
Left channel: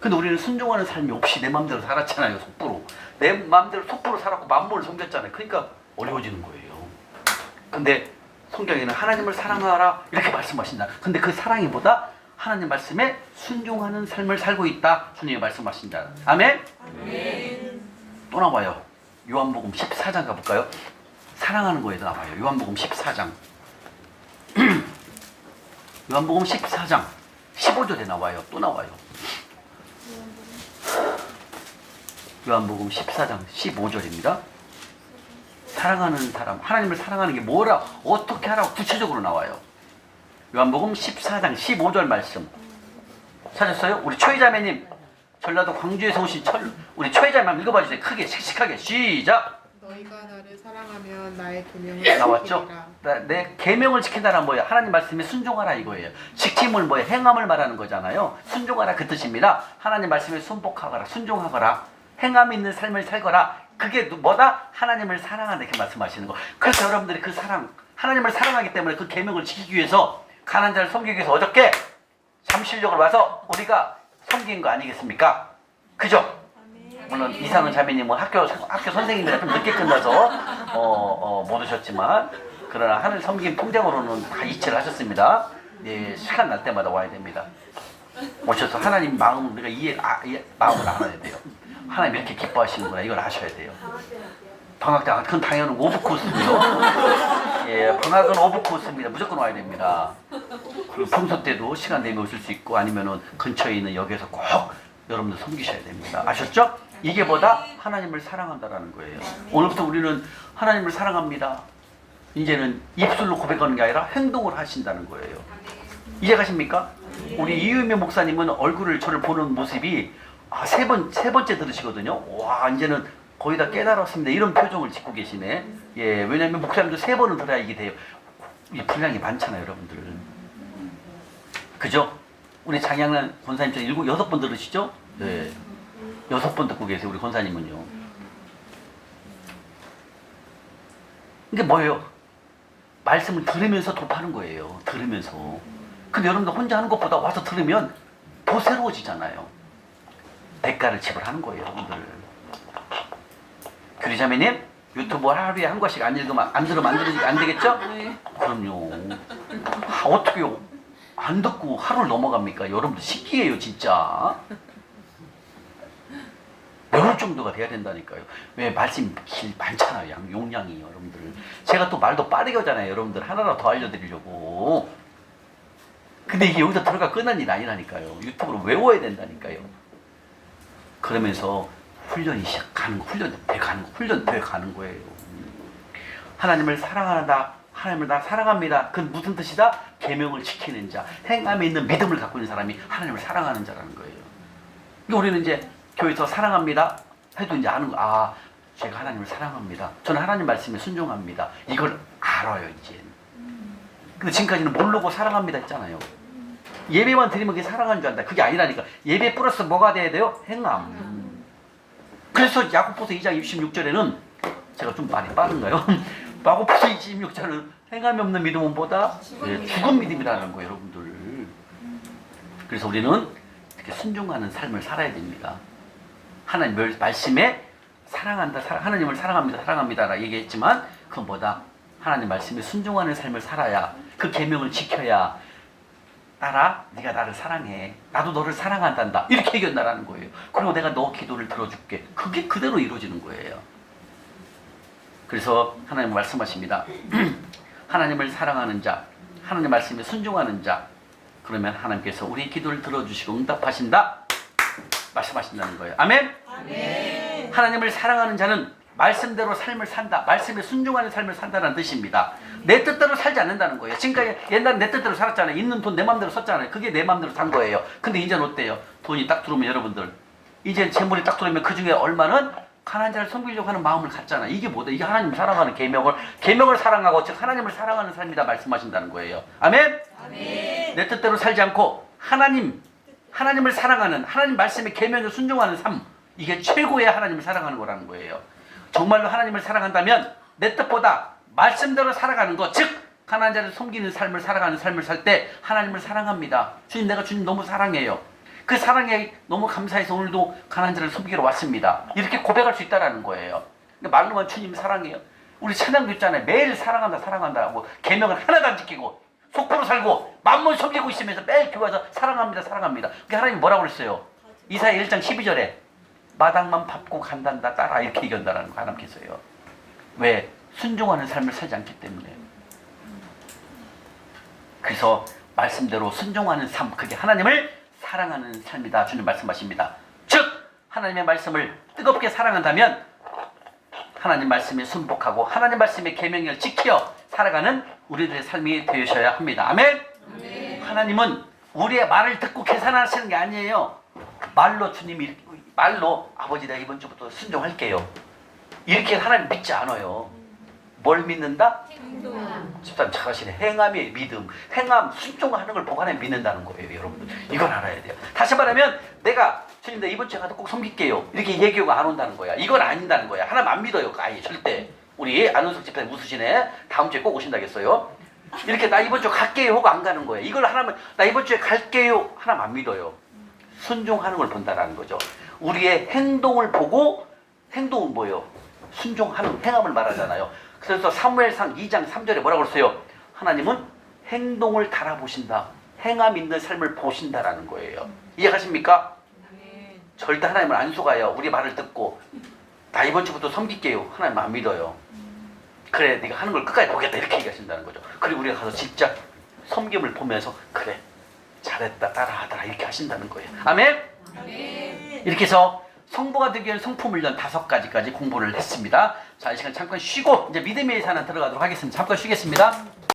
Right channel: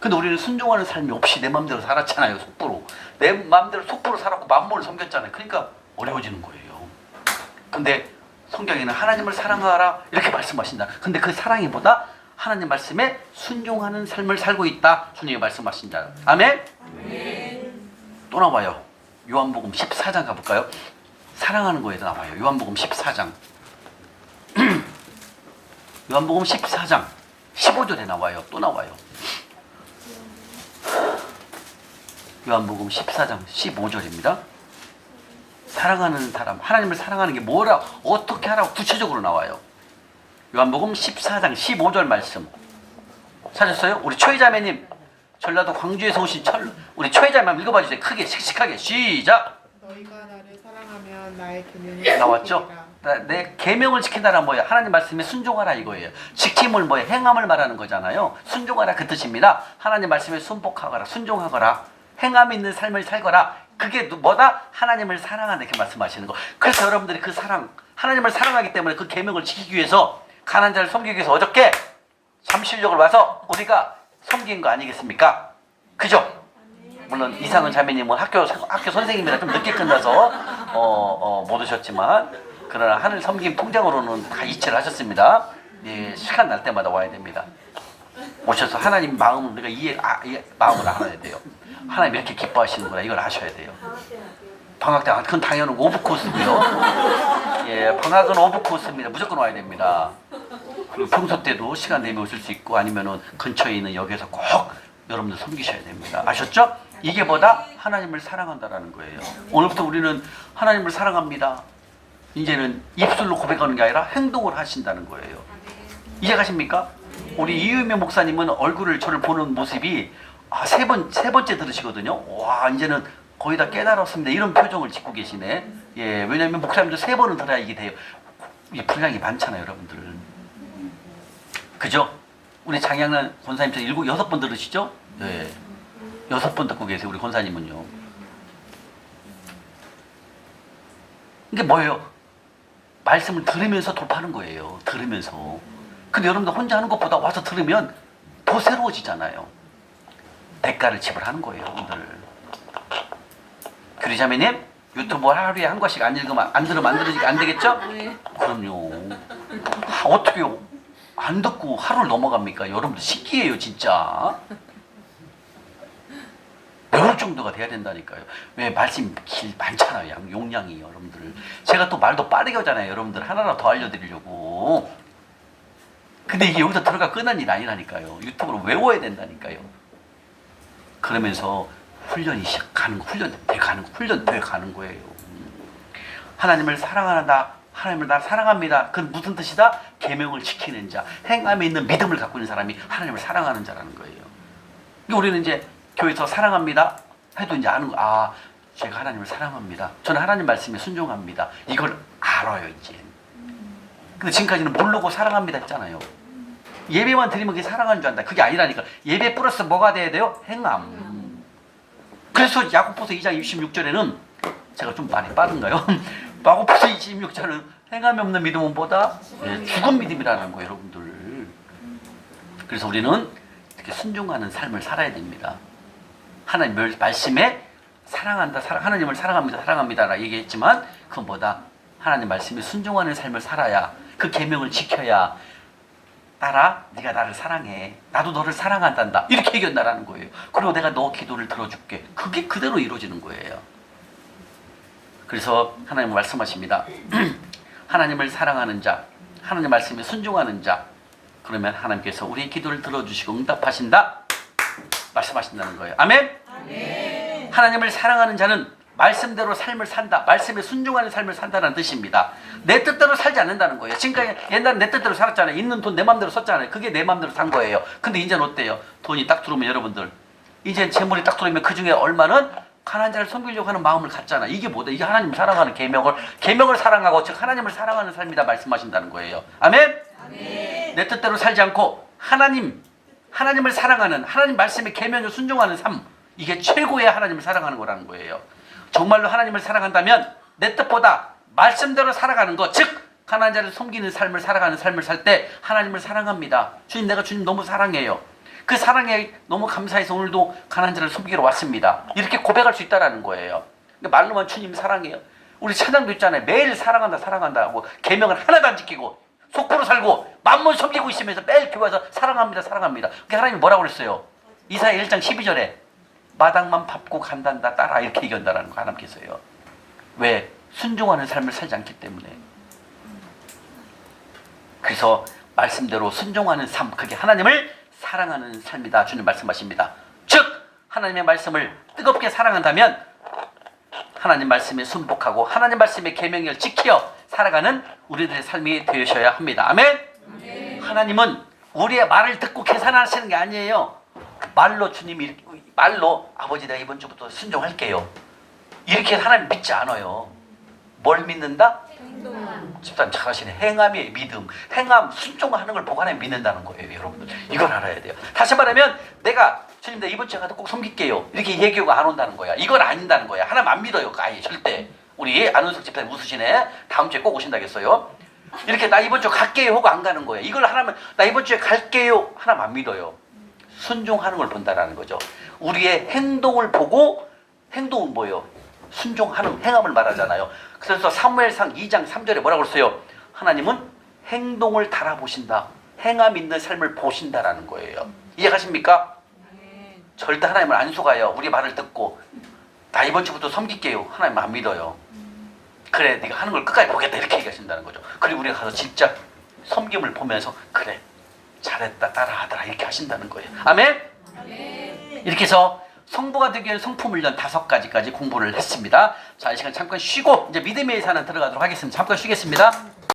근데 우리는 순종하는 삶이 없이 내 마음대로 살았잖아요. 속보로. 내 마음대로 속보로 살았고 만물을 섬겼잖아요. 그러니까 어려워지는 거예요. 근데 성경에는 하나님을 사랑하라 이렇게 말씀하신다. 근데 그 사랑이 보다 하나님 말씀에 순종하는 삶을 살고 있다. 주님이 말씀하신다. 아멘? 아멘. 또 나와요. 요한복음 14장 가볼까요? 사랑하는 거에도 나와요. 요한복음 14장. 요한복음 14장 15절에 나와요. 또 나와요. 요한복음 14장 15절입니다. 사랑하는 사람, 하나님을 사랑하는 게 뭐라, 어떻게 하라고 구체적으로 나와요. 요한복음 14장 15절 말씀 찾았어요? 우리 초이자매님, 전라도 광주에서 오신 우리 초이자매 읽어봐 주세요. 크게 씩씩하게 시작. 너희가 나를 사랑하면 나의 계명을 나왔죠? 지키리라. 내 계명을 지킨다는 뭐예요? 하나님 말씀에 순종하라 이거예요. 지킴을 뭐예요? 행함을 말하는 거잖아요. 순종하라 그 뜻입니다. 하나님 말씀에 순복하거라, 순종하거라, 행함 있는 삶을 살거라. 그게 뭐다? 하나님을 사랑한다 이렇게 말씀하시는 거. 그래서 여러분들이 그 사랑, 하나님을 사랑하기 때문에 그 계명을 지키기 위해서 가난한 자를 섬기기 위해서 어저께 잠실역을 와서 우리가 섬긴 거 아니겠습니까? 그죠? 물론 이상은 자매님은 학교 선생님이라 좀 늦게 끝나서 못 오셨지만 그러나 하늘 섬김 통장으로는 다 이체를 하셨습니다. 예, 시간 날 때마다 와야 됩니다. 오셔서 하나님 마음을 우리가 마음을 알아야 돼요. 하나님 이렇게 기뻐하시는구나 이걸 아셔야 돼요. 방학 때 그건 당연히 오브 코스고요. 예, 방학은 오브 코스입니다. 무조건 와야 됩니다. 그리고 평소 때도 시간 내면 오실 수 있고 아니면은 근처에 있는 역에서 꼭 여러분들 섬기셔야 됩니다. 아셨죠? 이게 뭐다? 하나님을 사랑한다라는 거예요. 오늘부터 우리는 하나님을 사랑합니다. 이제는 입술로 고백하는 게 아니라 행동을 하신다는 거예요. 이해가십니까? 우리 이유미 목사님은 얼굴을 저를 보는 모습이 세 번째 들으시거든요. 와, 이제는 거의 다 깨달았습니다. 이런 표정을 짓고 계시네. 예, 왜냐면 목사님도 3번은 들어야 이게 돼요. 이 분량이 많잖아요, 여러분들. 그죠? 우리 장양란 권사님처럼 6번 들으시죠? 네. 6번 듣고 계세요, 우리 권사님은요. 이게 뭐예요? 말씀을 들으면서 돕하는 거예요. 들으면서. 근데 여러분들 혼자 하는 것보다 와서 들으면 더 새로워지잖아요. 대가를 지불하는 거예요, 여러분들. 규리자매님, 유튜브 하루에 한 권씩 안 읽으면, 안 들으면 안 되겠죠? 그럼요. 어떻게요? 안 듣고 하루를 넘어갑니까? 여러분들 신기해요, 진짜. 배울 정도가 돼야 된다니까요. 왜 말씀 많잖아요, 용량이 여러분들. 제가 또 말도 빠르게 하잖아요, 여러분들. 하나라도 더 알려드리려고. 근데 이게 여기서 들어가 끝난 일이 아니라니까요. 유튜브로 외워야 된다니까요. 그러면서 훈련이 시작하는 거, 훈련 돼 가는 거예요. 하나님을 사랑한다. 하나님을 나 사랑합니다. 그건 무슨 뜻이다? 계명을 지키는 자, 행함에 있는 믿음을 갖고 있는 사람이 하나님을 사랑하는 자라는 거예요. 우리는 이제 교회에서 사랑합니다 해도 이제 아는 거, 아, 제가 하나님을 사랑합니다. 저는 하나님 말씀에 순종합니다. 이걸 알아요, 이제. 근데 지금까지는 모르고 사랑합니다 했잖아요. 예배만 드리면 그게 사랑하는 줄 안다. 그게 아니라니까. 예배 플러스 뭐가 돼야 돼요? 행함. 그래서 야고보서 2장 26절에는 제가 좀 말이 빠른가요? 야고보서 26절은 행함이 없는 믿음은 보다 죽은 믿음이라는 거예요, 여러분들. 그래서 우리는 이렇게 순종하는 삶을 살아야 됩니다. 하나님 말씀에 사랑한다, 하나님을 사랑합니다라 얘기했지만 그것보다 하나님 말씀에 순종하는 삶을 살아야, 그 계명을 지켜야, 따라 네가 나를 사랑해, 나도 너를 사랑한단다, 이렇게 얘기한다라는 거예요. 그리고 내가 너 기도를 들어줄게. 그게 그대로 이루어지는 거예요. 그래서 하나님 말씀하십니다. 하나님을 사랑하는 자, 하나님 말씀에 순종하는 자, 그러면 하나님께서 우리 기도를 들어주시고 응답하신다 말씀하신다는 거예요. 아멘? 아멘. 하나님을 사랑하는 자는 말씀대로 삶을 산다, 말씀에 순종하는 삶을 산다는 뜻입니다. 내 뜻대로 살지 않는다는 거예요. 지금까지 옛날에 내 뜻대로 살았잖아요. 있는 돈 내 맘대로 썼잖아요. 그게 내 맘대로 산 거예요. 근데 이제는 어때요? 돈이 딱 들어오면 여러분들, 이제 재물이 딱 들어오면 그 중에 얼마는 가난한 자를 섬기려고 하는 마음을 갖잖아. 이게 뭐다? 이게 하나님을 사랑하는 계명을 사랑하고 즉 하나님을 사랑하는 삶이다 말씀하신다는 거예요. 아멘? 아멘. 내 뜻대로 살지 않고 하나님을 사랑하는, 하나님 말씀의 계명에 순종하는 삶, 이게 최고의 하나님을 사랑하는 거라는 거예요. 정말로 하나님을 사랑한다면 내 뜻보다 말씀대로 살아가는 것, 즉 가난한 자를 섬기는 삶을 살아가는 삶을 살 때 하나님을 사랑합니다. 주님, 내가 주님 너무 사랑해요. 그 사랑에 너무 감사해서 오늘도 가난한 자를 섬기러 왔습니다. 이렇게 고백할 수 있다는 거예요. 근데 말로만 주님 사랑해요. 우리 찬양도 있잖아요. 매일 사랑한다 하고 계명을 하나도 안 지키고 속보로 살고 만물 섬기고 있으면서 매일 교회 와서 사랑합니다. 그게 하나님이 뭐라고 그랬어요? 이사야 1장 12절에 마당만 밟고 간단다 따라, 이렇게 얘기한다는 거 하나님께서요. 왜? 순종하는 삶을 살지 않기 때문에. 그래서 말씀대로 순종하는 삶, 그게 하나님을 사랑하는 삶이다 주님 말씀하십니다. 즉 하나님의 말씀을 뜨겁게 사랑한다면 하나님 말씀에 순복하고 하나님 말씀의 계명을 지켜 살아가는 우리들의 삶이 되셔야 합니다. 아멘? 아멘. 하나님은 우리의 말을 듣고 계산하시는 게 아니에요. 말로 주님이, 말로 아버지 내가 이번 주부터 순종할게요, 이렇게 하나님 믿지 않아요. 뭘 믿는다? 행동. 집단 잘하시네. 행함의 믿음, 행함, 순종하는 걸 보고 하나님 믿는다는 거예요, 여러분들. 이걸 알아야 돼요. 다시 말하면 내가 주님 나 이번 주에 가서 꼭 섬길게요, 이렇게 얘기가 안 온다는 거야. 이건 아닌다는 거야. 하나님 안 믿어요, 아예 절대. 우리 안은석 집사님 웃으시네. 다음 주에 꼭 오신다겠어요. 이렇게 나 이번 주 갈게요 하고 안 가는 거예요. 이걸 하나님 나 이번 주에 갈게요, 하나님 안 믿어요. 순종하는 걸 본다라는 거죠. 우리의 행동을 보고, 행동은 뭐예요? 순종하는 행함을 말하잖아요. 그래서 사무엘상 2장 3절에 뭐라고 그랬어요? 하나님은 행동을 달아보신다, 행함 있는 삶을 보신다라는 거예요. 이해가십니까? 절대 하나님을 안 속아요. 우리 말을 듣고 나 이번 주부터 섬길게요, 하나님 안 믿어요. 그래 네가 하는 걸 끝까지 보겠다, 이렇게 얘기하신다는 거죠. 그리고 우리가 가서 진짜 섬김을 보면서 그래 잘했다 따라하더라, 이렇게 하신다는 거예요. 아멘? 아멘. 이렇게 해서 성부가 되기 위한 성품훈련 5가지까지 공부를 했습니다. 자, 이 시간 잠깐 쉬고 이제 믿음의 예산을 들어가도록 하겠습니다. 잠깐 쉬겠습니다.